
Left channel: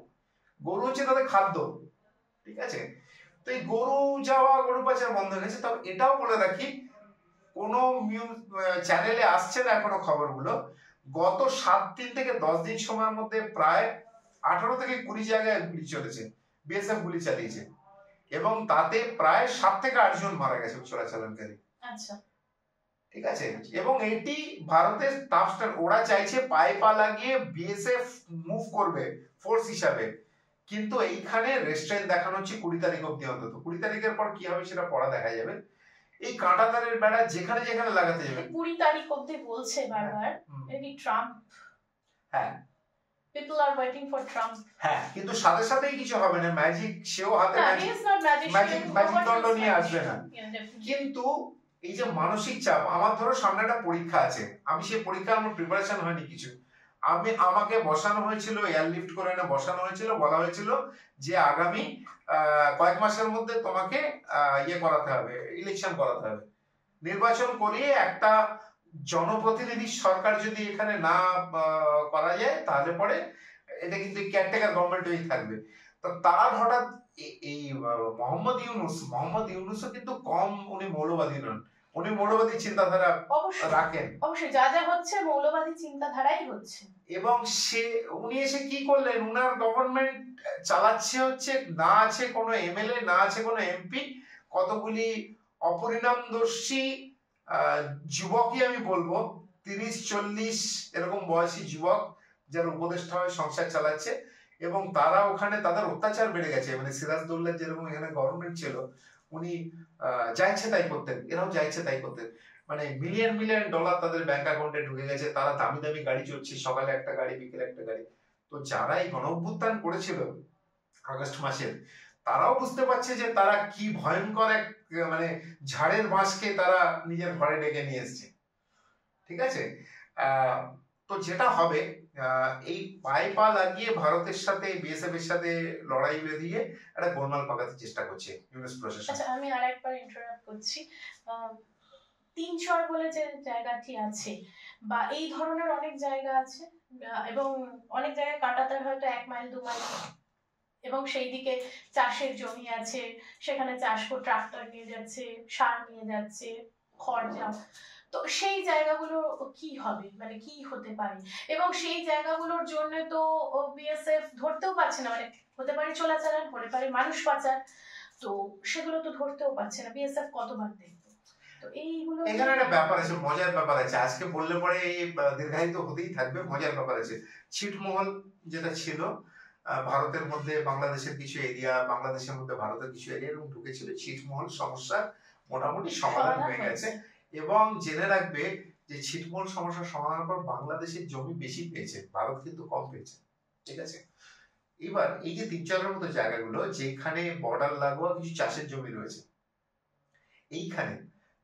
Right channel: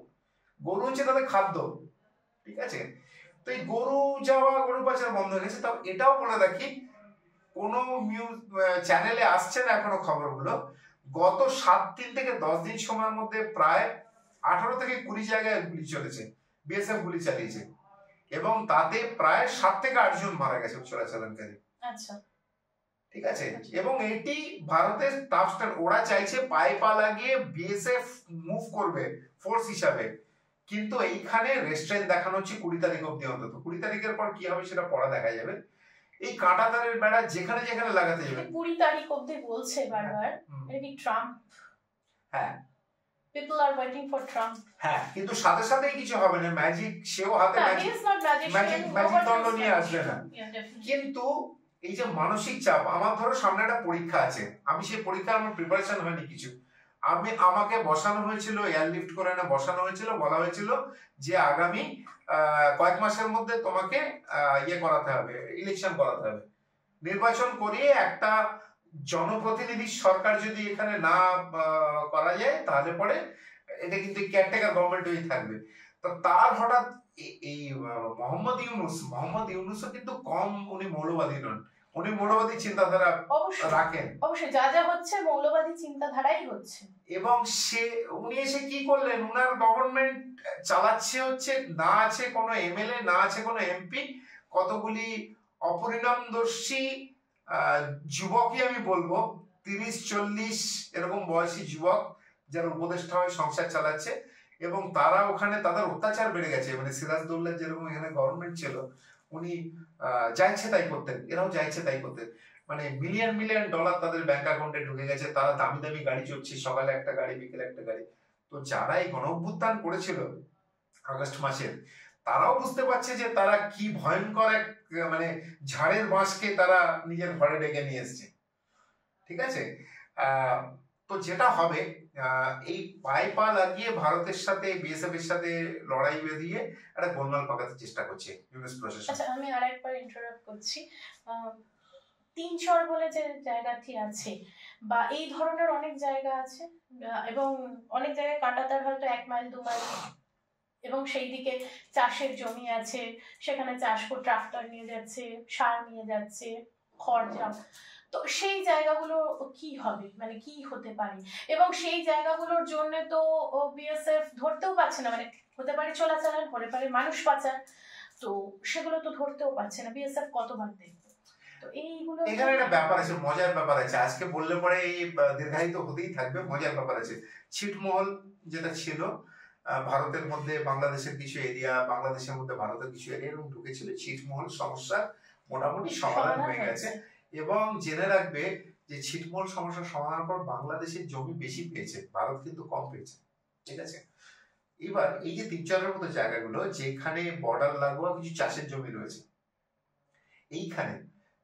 গরু হচ্ছে তাদের খাদ্য। ঠিক আছে, তো এই গরু পাচার বন্ধ হয়ে গেছে। তবে এটাও বলে রাখি, কোনো চ্যানেলে আসছে না এখনো খবরগুলো, গত 7 দিন থেকে 10 দিন সময়ের মধ্যে প্রায় 18 থেকে 20 জায়গায় গুলি চলেছে, বিএসএফ গুলি চালিয়েছে, এবং তাতে প্রায় 7 থেকে 8 জন মারা গেছে চোরাচালানকারী। আচ্ছা, ঠিক আছে, এবং এটি ভারতের টাফ স্ট্যান্ড। ওরা চাইছে পায়ে পা লাগিয়ে বিএসএফ মুভ করবে ফোর্স হিসাবে, কিন্তু এইখানে রেস্ট্রেন্ট দেখানো হচ্ছে 20 তারিখ অব্দি। অন্তত 20 তারিখের পর কি হবে সেটা পড়া দেখা যাবে। এই কাঁটাতারের বেড়া যেখানে যেখানে লাগাতে যাবে, 20 তারিখ অব্দি বলছে বারবার। এটা কি ট্রাম্প? হ্যাঁ, people are waiting for Trump. হ্যাঁ, কিন্তু সাথে সাথেই কিছু হবে না, ম্যাজিক সেও হাতে ম্যাজিক দণ্ড নিয়ে আসবে না। কিন্তু এই যে মানসিক চাপ, আমার ধরো সামনে একটা পরীক্ষা আছে, আমি সেই পরীক্ষার আমার প্রিপারেশন হয়নি কিছু, আমাকে বসানো হয়েছিল, এয়ারলিফট করে এনে বসানো হয়েছিল, বলা হয়েছিল যে আগামী কয়েক মাসের মধ্যে তোমাকে ইয়ে করাতে হবে, ইলেকশন করাতে হবে, নির্বাচন করিয়ে একটা জনপ্রতিনিধি সরকার যদি এখানে না করা যায় তাহলে পরে এটা কিন্তু কেয়ারটেকার গভর্নমেন্ট হয়েই থাকবে। তো তার হঠাৎ এই মোহাম্মদ ইউনূসও কিন্তু কম, উনি মৌলবাদী নন, উনি মৌলবাদী চিন্তাধারা রাখেন। অবশ্যই যা যা হচ্ছে মৌলবাদী চিন্তাধারাই হচ্ছে। এবং উনি এসে কি করলেন, উনার গভর্নমেন্ট চালাচ্ছে হচ্ছে, না আছে কোনো এমএলএ, না আছে কোনো এমপি, কতগুলি অপরিণামদর্শী যুবকই আমি বলবো, 30-40 এরকম বয়সী যুবক যারা উপদেষ্টা হয়ে সংসার চালাচ্ছে, এবং তারা ওখানে তাদের অত্যাচার বেড়ে গেছে। মানে সিরাজদৌল্লার যেরকম এখানে গভর্নমেন্ট ছিল, উনি যা ইচ্ছে তাই করতেন, এরাও যা ইচ্ছে তাই করতেন। মানে মিলিয়ন মিলিয়ন ডলার তাদের ব্যাংক অ্যাকাউন্টে ঢুকে গেছে, তারা দামি দামি গাড়ি চড়ছে, সকালে একটা গাড়ি বিকেলে একটা গাড়ি। তো যারা এই গণ অভ্যুত্থান করেছিল আগস্ট মাসের, তারাও বুঝতে পারছে যে তারা কি ভয়ঙ্কর এক, মানে ঝাড়ের বাঁশকে তারা নিজের ঘরে ডেকে নিয়ে এসছে। ঠিক আছে, তো যেটা হবে, এই পায়ে পা লাগিয়ে ভারতের সাথে, বিএসএফ এর সাথে লড়াই বেঁধিয়ে একটা গোলমাল পাকাতে চেষ্টা করছে ইউএস প্রশাসন। আচ্ছা, আমি আরেকবার ইন্টারাপ্ট করছি। তিনচর বলে যে জায়গাটি আছে বা এই ধরনের অনেক জায়গা আছে, এবং অনেক জায়গায় কাঁটাতার হয়তো 1 মাইল 2 মাইল, এবং সেই দিকে চাষের জমি আছে, সেখানে চাষ করে ট্রাক্টর নিয়ে যাচ্ছে, সার নিয়ে যাচ্ছে, খড় যা, তো সেই জায়গাগুলো কি হবে, মানে কি হতে পারে, এবং সেই জায়গাগুলোর জন্য তো বিএসএফ ধরতেও পারছে না, মানে হতে পারে চোরাচালান, হতে পারে মানুষ পাচার, তো সেগুলো তো ধরতেও পারছে না, বিএসএফ কতবার দেখবে। তো এইগুলো এখানে একটা ব্যাপার আছে, মজার ব্যাপার আছে, আজকে বললে পরে দীর্ঘায়িত হতেই থাকবে। মজার ব্যাপার আছে, ছিটমহল যেটা ছিল ভারতের মধ্যে বাংলাদেশের কিছু এরিয়া, বাংলাদেশের মধ্যে ভারতের কিছু এরিয়া এবং ঢুকেছিল, ছিটমহল সমস্যা মোটামুটি সমাধান হয়ে গেছে। এবং জেনে রাখবে যে ছিটমহল সমস্যার সমাধানের পর বাংলাদেশের জমি বেশি পেয়েছে, ভারত কিন্তু কম পেয়েছে, ঠিক আছে। এবার এই যে তিনচরের মতো জায়গাগুলো যেখানে বর্ডার লাগোয়া কিছু চাষের জমি রয়েছে, এইখানে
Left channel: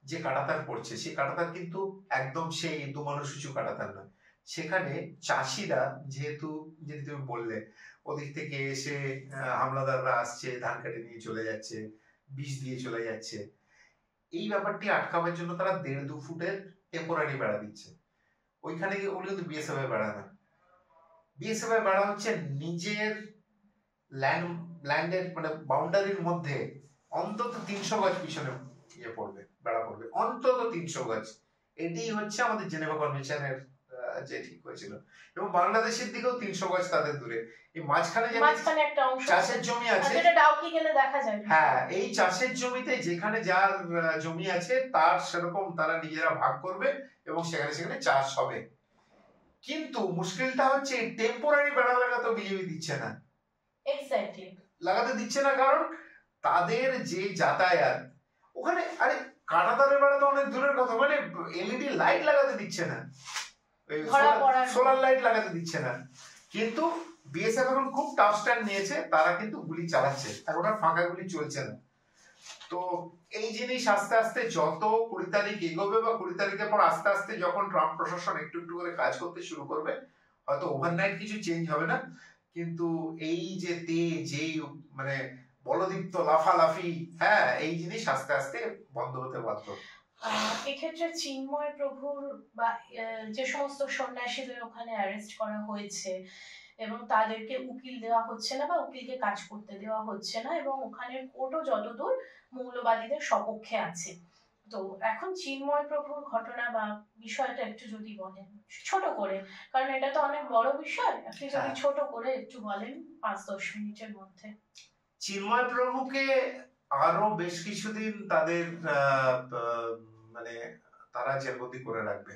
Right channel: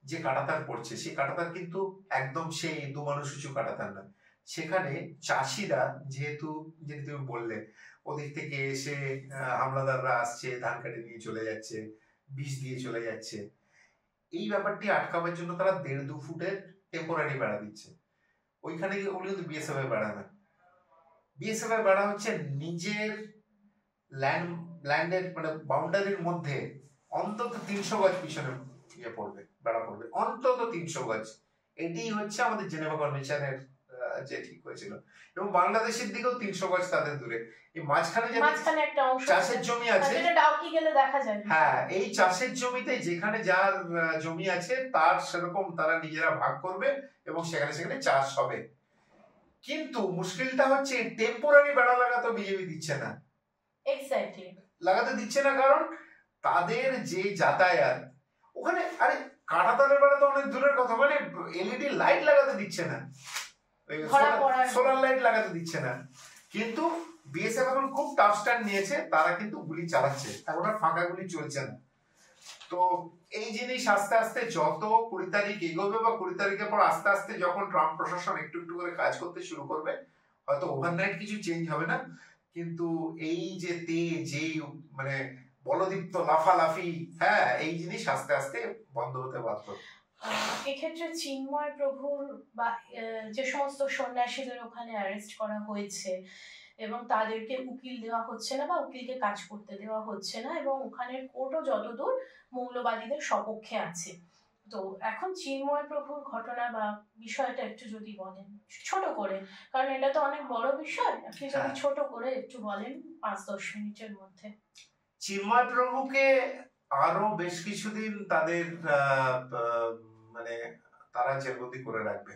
যে কাঁটাতার পড়ছে সেই কাঁটাতার কিন্তু একদম সেই দু মানুষ উঁচু কাঁটাতার নয়। সেখানে চাষিরা যেহেতু, যেটা তুমি বললে, ওদিক থেকে এসে হামলাদাররা আসছে, ধান কাটে নিয়ে চলে যাচ্ছে, বিষ দিয়ে চলে যাচ্ছে, এই ব্যাপারটি আটকাবার জন্য তারা 1.5-2 ফুটের টেম্পোরারি বেড়া দিচ্ছে। ওইখানে গিয়ে ওগুলো কিন্তু বিএসএফ এর বেড়া না, বিএসএফ এর বেড়া হচ্ছে নিজের ল্যান্ডের মানে বাউন্ডারির মধ্যে অন্তত 300 গজ পিছনে ইয়ে পড়বে, বেড়া পড়বে, অন্তত 300 গজ। এটি হচ্ছে আমাদের জেনেভা কনভেনশনের যে ঠিক হয়েছিল। এবং বাংলাদেশের দিকেও 300 গজ তাদের দূরে। এই মাঝখানে যে একটা অংশ চাষের জমি আছে, যেটা ডাউকি গেলে দেখা যায়, হ্যাঁ, এই চাষের জমিতে যেখানে যার জমি আছে তার সেরকম তারা নিজেরা ভাগ করবে এবং সেখানে সেখানে চাষ হবে। কিন্তু মুশকিলটা হচ্ছে টেম্পোরারি বেড়া লাগাতে বিজেপি দিচ্ছে না, এক্স্যাক্টলি লাগাতে দিচ্ছে না, কারণ তাদের যে যাতায়াত ওখানে, আরে কাঁটাতারের বেড়া তো অনেক দূরের কথা, মানে এলইডি লাইট লাগাতে দিচ্ছে না, সোলার লাইট লাগাতে দিচ্ছে না। কিন্তু বিএসএফ এখন খুব টাফ স্ট্যান্ড নিয়েছে, তারা কিন্তু গুলি চালাচ্ছে, এখন আর ফাঁকা গুলি চলছে না। তো এই জিনিস আস্তে আস্তে যত 20 তারিখ এগোবে বা 20 তারিখের পর আস্তে আস্তে যখন ট্রাম্প প্রশাসন একটু একটু করে কাজ করতে শুরু করবে, হয়তো ওভারনাইট কিছু চেঞ্জ হবে না, কিন্তু এই যে যে মানে বলদীপ্ত লাফালাফি, হ্যাঁ, এই জিনিস আস্তে আস্তে বন্ধ হতে বাধ্য। এক্ষেত্রে চিন্ময় প্রভুর বা যে সমস্ত সন্ন্যাসীদের ওখানে অ্যারেস্ট করা হয়েছে এবং তাদেরকে উকিল দেওয়া হচ্ছে না বা উকিলকে কাজ করতে দেওয়া হচ্ছে না, এবং ওখানের কোর্টও যতদূর মৌলবাদীদের সপক্ষে আছে, তো এখন চিন্ময় প্রভুর ঘটনা বা বিষয়টা একটু যদি বলেন ছোট করে, কারণ এটা তো অনেক বড় বিষয়, আপনি যদি ছোট করে একটু বলেন 5-10 মিনিটের মধ্যে। চিন্ময় প্রভুকে আরো বেশ কিছুদিন তাদের মানে তারা জেলবন্দি করে রাখবে,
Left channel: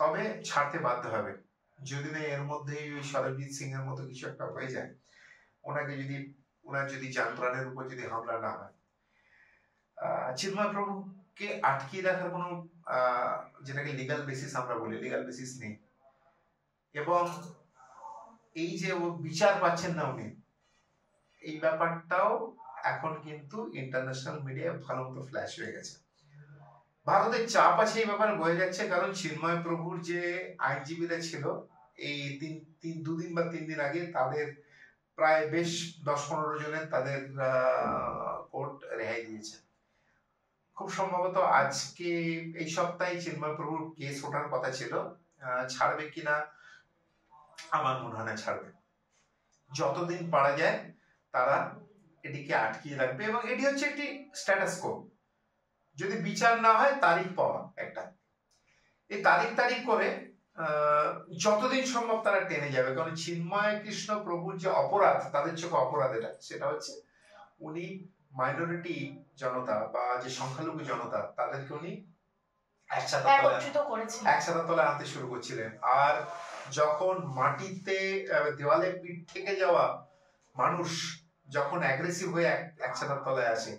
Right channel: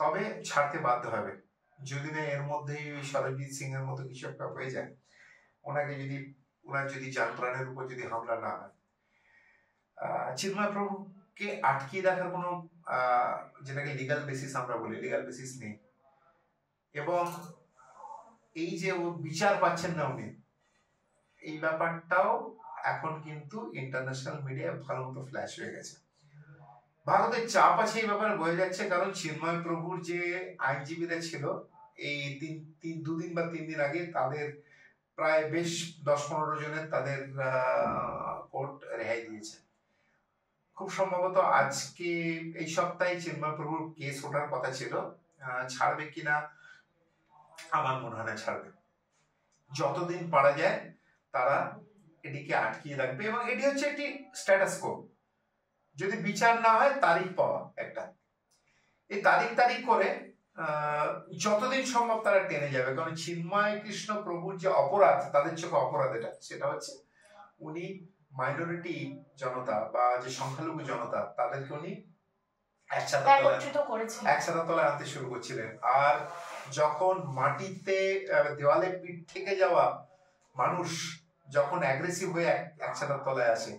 তবে ছাড়তে বাধ্য হবে যদি না এর মধ্যেই সরবজিৎ সিং এর মতো কিছু একটা হয়ে যায়, ওনার যদি যান প্রাণের উপর যদি হামলা না হয়। চিন্ময় প্রভুকে আটকিয়ে রাখার কোনো যেটাকে লিগাল বেসিস আমরা বলি, লিগাল বেসিস নেই, এবং এই যে ও বিচার পাচ্ছেন না উনি, এই ব্যাপারটাও এখন কিন্তু ইন্টারন্যাশনাল মিডিয়ায় ভালো মতো ফ্ল্যাশ হয়ে গেছে। ভারতের চাপ আছে এই ব্যাপারে বোঝা যাচ্ছে, কারণ চিন্ময় প্রভুর যে আইনজীবীরা ছিল এই 2 দিন বা 3 দিন আগে তাদের প্রায় বেশ 10-15 জনের তাদের কোর্ট রেহাই দিয়েছে। খুব সম্ভবত আজকে এই সপ্তাহে চিন্ময় প্রভুর কেস ওঠার কথা ছিল, ছাড়বে কিনা আমার মনে হয় না ছাড়বে। যতদিন পারা যায় তারা এটিকে আটকিয়ে রাখবে, এবং এটি হচ্ছে একটি স্ট্যাটাস কো। যদি বিচার না হয় তারিখ পাওয়া একটা, এই তারিখ করে যতদিন সম্ভব তারা টেনে যাবে, কারণ চিন্ময় কৃষ্ণ প্রভুর যে অপরাধ, তাদের চোখে অপরাধ এটা, সেটা হচ্ছে উনি মাইনরিটি জনতা বা যে সংখ্যালঘু জনতা তাদেরকে উনি একসাথে তলায় আনতে শুরু করছিলেন। আর যখন মাটিতে দেওয়ালে পিঠ থেকে যাওয়া মানুষ যখন অ্যাগ্রেসিভ হয়ে একসাথে তলায় আসে,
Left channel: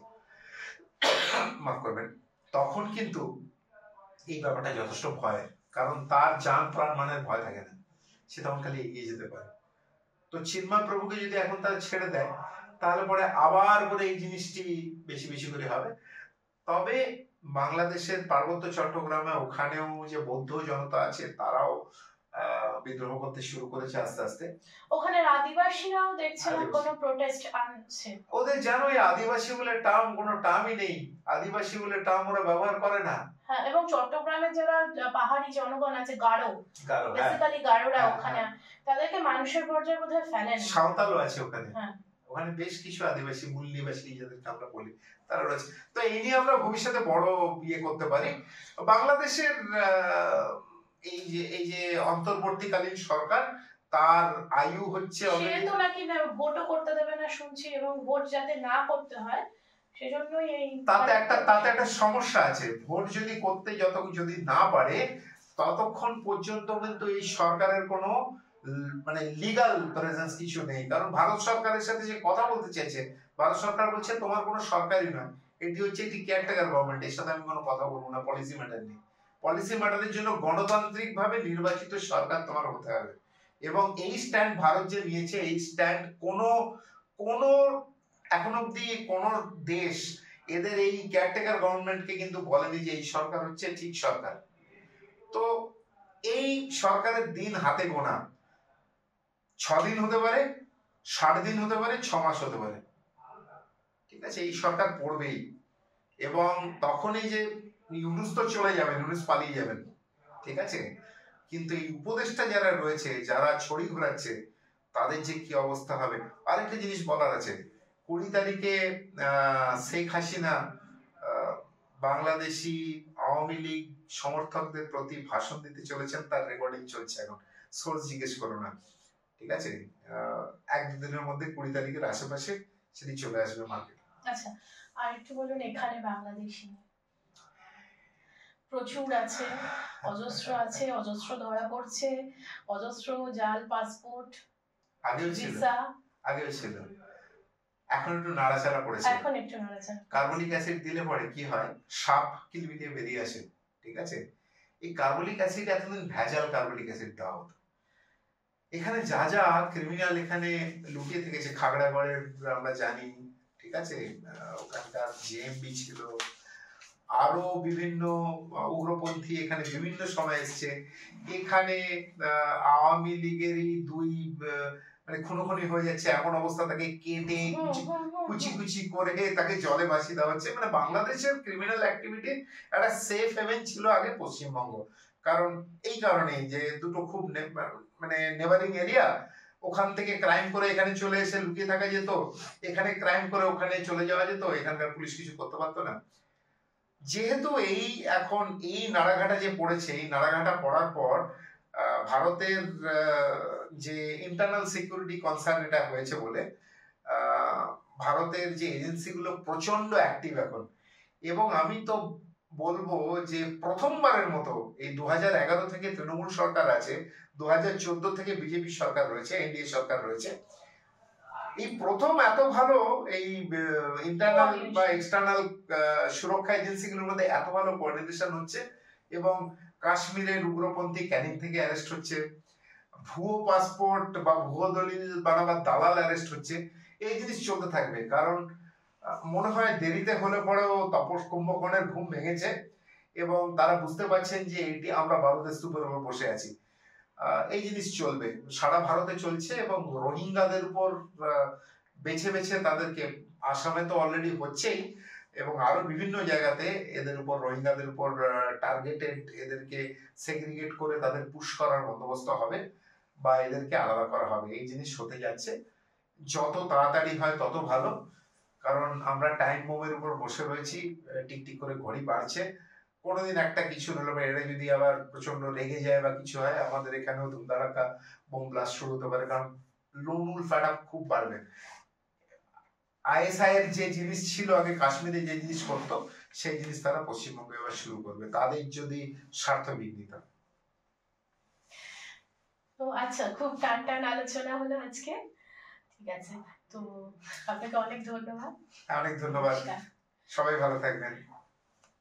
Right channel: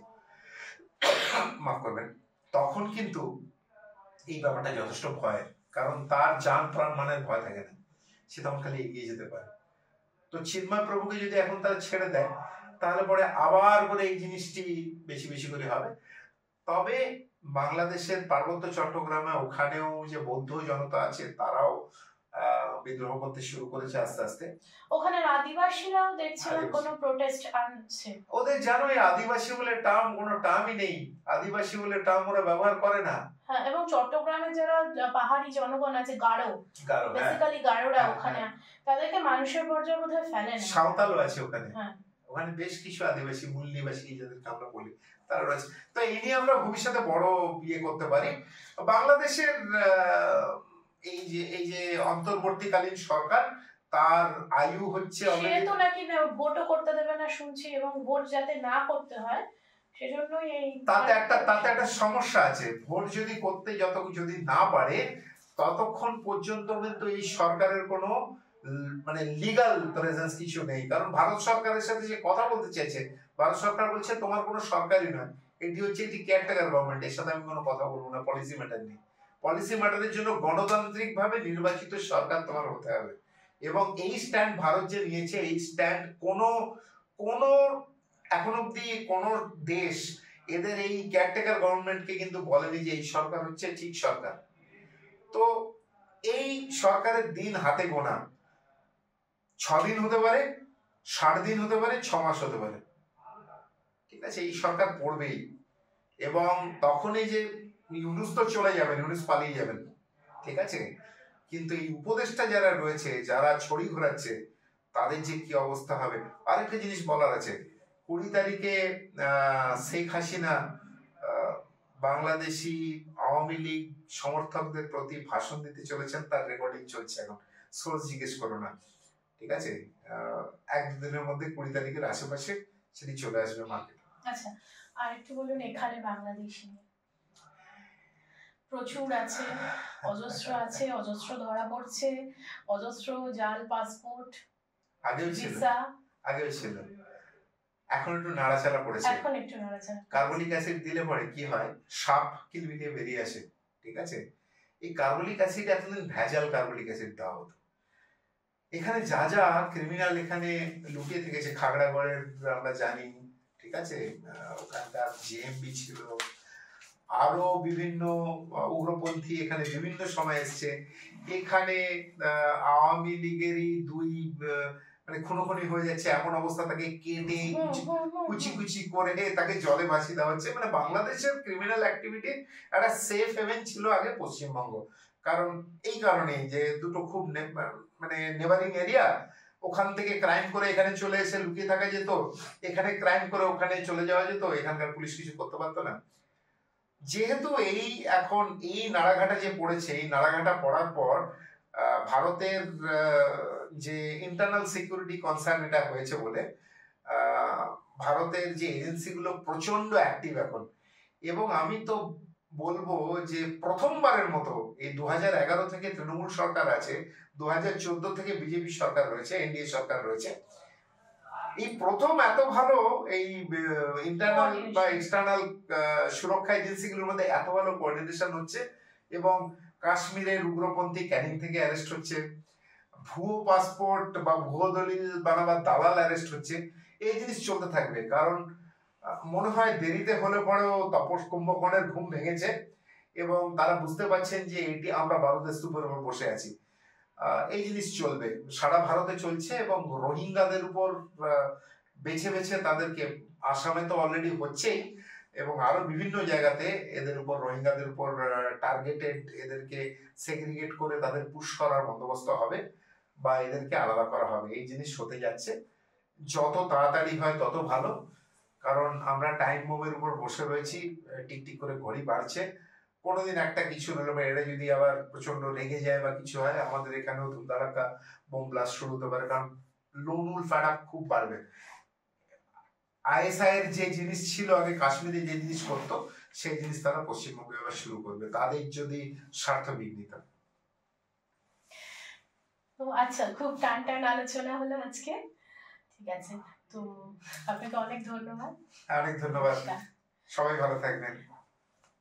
মাফ করবেন, তখন কিন্তু এই ব্যাপারটা যথেষ্ট ভয়, কারণ তার জান প্রাণ মানের ভয় থাকে না, সে তখন খালি এগিয়ে যেতে পারে। তো চিন্ময় প্রভুকে যদি এখন তার ছেড়ে দেয় তাহলে পরে আবার করে এই জিনিসটি বেশি বেশি করে হবে। তবে বাংলাদেশের পার্বত্য চট্টগ্রামে ওখানেও যে বৌদ্ধ জনতা আছে তারাও বিদ্রোহ করতে শুরু করেছে আস্তে আস্তে। ওখানে আদিবাসীরাও দেখছিলাম কোনো প্রোটেস্ট আনছে। ওদের জানোই আদিবাসী বলে টার্ম কোনো টার্মই নেই, আদিবাসী বলে টার্ম ওরা ব্যবহার করে না। হ্যাঁ, এবং চট্টগ্রামের যারা পাহাড়ি জনগণ আছে, গারো, বেসিক্যালি গারোরা ওখানে, তাদেরকে মানুষের পর্যায়ে বোধহয় ফেলে না। সাঁওতালও আছে ওখানে, ওখানে বেশ কিছু আদিবাসী মূল নিবাসী যাদেরকে আমরা বলি তারা রয়েছে। তো এই নিয়ে আমরা ভবিষ্যতে বড় ইয়ে করতে পারি। বাংলাদেশের এই যে অন্তর্বর্তীকালীন সরকার, তার আয়ু হচ্ছে তো নাকি ভোটও করতে দেবে না শুনছি, এবং ভোট যাতে না করতে হয় সেজন্যই এই তাতে একটা সমস্যা আছে। ভোট যদি করতে যদি না পারে ততক্ষণ পর্যন্ত কিন্তু এই সরকারের কোনো মানে লিগাল প্রেজেন্স কিছু নেই। কারণ ভারত সরকারের সাথে যে কথা বলতে চাইছে, ভারত সরকার বলছে তোমার কোনো সরকারই নয়, এটি কেয়ারটেকার গভর্নমেন্ট, এর সাথে আমি কোনো কথা বলবো না পলিসি ম্যাটার নিয়ে। পলিসি ম্যাটারের জন্য গণতান্ত্রিক ভাবে নির্বাচিত সরকার তোমার হতে হবে। এবং এই স্ট্যান্ড ভারত যে নিয়েছে, এই স্ট্যান্ড কোনো এখন অব্দি কোন দেশ এদের এই কেয়ারটেকার গভর্নমেন্টকে কিন্তু বলেনি যে এই সরকার হচ্ছে ঠিক সরকার। তো এই সরকারের দিন হাতে গোনা, 6 দিন হতে পারে, 60 দিন হতে পারে, 6 মাস হতে পারে, ঠিক আছে, এই সরকার পড়বেই। এবং তখনই যে ইউনুস তো চলে যাবেন, ইউনুস পালিয়ে যাবেন, ঠিক আছে, কিন্তু এই উপদেষ্টা যারা রয়েছে, যারা ছড়ি ঘোরাচ্ছে, তাদের যে কি অবস্থা হবে। আরেকটা জিনিস বলার আছে, 20 তারিখে শেখ হাসিনা বাংলাদেশি আওয়ামী লীগ সমর্থকদের প্রতি ভাষণ দিতে চলেছেন, তার রেকর্ডিং চলছে এখন, সোর্স জিজ্ঞেস করো না, ঠিক আছে, 1-2 দিনের মধ্যে 20 তারিখের আশেপাশে সেটি চলে আসবে মার্কেটে। আচ্ছা, আর একটু বলুন, এখানে বাংলাদেশি প্রচুর আছে, অজস্র ধরা পড়ছে, অজস্র জাল পাসপোর্ট, আগেও ছিল, এখন একটু নাড়াচাড়া পড়েছে, কার্বলিক অ্যাসিড দিলে পরে কি হয়, সাপ কিলবিলিয়ে বেরিয়ে আসে, ঠিক আছে। এই কার্বলিক অ্যাসিড এতদিন ভেজাল কার্বলিক অ্যাসিড দেওয়া হতো। এখানে যা যা ক্রিমিনাল এখানে লুকিয়ে থেকেছে, খাগড়াগড়ের আমরা জানি, ঠিক আছে, ওখানকার জেএমবি ছিল, আরো বিভিন্ন উগ্রপন্থী এখানে বিভিন্ন সময় এসছে। এখানে আওয়ামী লীগেরই 2 মানে খুনোখুনি হয়ে যাচ্ছে, এমন অবস্থা, তাকে কেটে কুচি করে তাকে জলে ভাসিয়ে দেওয়া হচ্ছে। মানে বাংলাদেশের ক্রিমিনাল অ্যাক্টিভিটি একটা সেফ হেভেন ছিল আগে পশ্চিমবঙ্গ। কারণ এই কারণে যে দুটো খুব মানে নেবারিং এরিয়া, ওখান থেকে ক্রাইম করে এখানে চলে এসে লুকিয়ে থাকা যেত, এখানে ক্রাইম করে ওখানে চলে যাওয়া যেত, এখানকার পুলিশ কিছু করতে পারতো না। যেহেতু এখন এই নাড়াঘাটা যে পড়েছে, এই নাড়াঘাটা পড়ার পর ভারতের যে ইন্টারনাল সিকিউরিটি কনসার্ন এটা হয়েছে বলে ভারতের যে এজেন্সিগুলো প্রচন্ড অ্যাক্টিভ এখন। এবং আমি তো বলবো যে প্রথমবারের মতো এই 2011 থেকে তৃণমূল সরকার আছে, 2014 থেকে বিজেপি সরকার রয়েছে, এনডিএ সরকার রয়েছে, এই প্রথম এত ভালো এই ইন্টারনাল বা এক্সটার্নাল সুরক্ষা এজেন্সিগুলোর মধ্যে এত ভালো কোঅর্ডিনেশন হচ্ছে। এবং কাশ্মীরের উগ্রপন্থী ক্যানিং থেকে অ্যারেস্ট হচ্ছে, ভুয়ো পাসপোর্ট বা ভুয়ো দলিল বানাবার দালাল অ্যারেস্ট হচ্ছে। এই জিনিস চলতে থাকবে, কারণ মনে হয় দেরিতে হলে পরেও তাপস কুম্ভকর্ণের ঘুম ভেঙেছে এবং তারা বুঝতে পারছেন যে এটি আমরা বারুদের স্তূপের উপর বসে আছি। এই জিনিস চলবে, সারা ভারতে চলছে। এবং রোহিঙ্গাদের উপর বেছে বেছে তাদেরকে, আসামে তো অলরেডি হচ্ছেই, এবং আরো বিভিন্ন জায়গাতে এদের উপর, রোহিঙ্গাদের উপর টার্গেটেড এদেরকে সেগ্রিগেট করে তাদের পুশ করার বন্দোবস্ত হবে বা এদেরকে আলাদা করা হবে। এই জিনিস হতে যাচ্ছে, যত তাড়াতাড়ি হয় তত ভালো, কারণ আমরা টাইম বোমের উপর বসে রয়েছি, টিকটিক করে ঘড়ি বাড়ছে। কোনোদিন একটা কিছু হলো বা এরা যদি আবার প্রচন্ড রেগে যায় বা কিছু হয়, আমাদের এখানেও ধুমধাড়াক্কা বোম ব্লাস্ট শুরু হতে পারে, কারণ লোনুল ফ্যাট আপ খুব বাড়বে। আইএসআই এর যে জিনিস ছিল আগে কাশ্মীরে, যে জিনিস করতো, সেই জিনিস তারা পশ্চিমবঙ্গে আবার শুরু করবে, তাদের যদি স্বার্থ বিঘ্নিত। তো আচ্ছা, খুব টান আলোচনা হলো আজকে, ঠিক আছে, তো আপনাকে অনেক ধন্যবাদ। অনেক ধন্যবাদ, সবাই ভালো থাকবেন।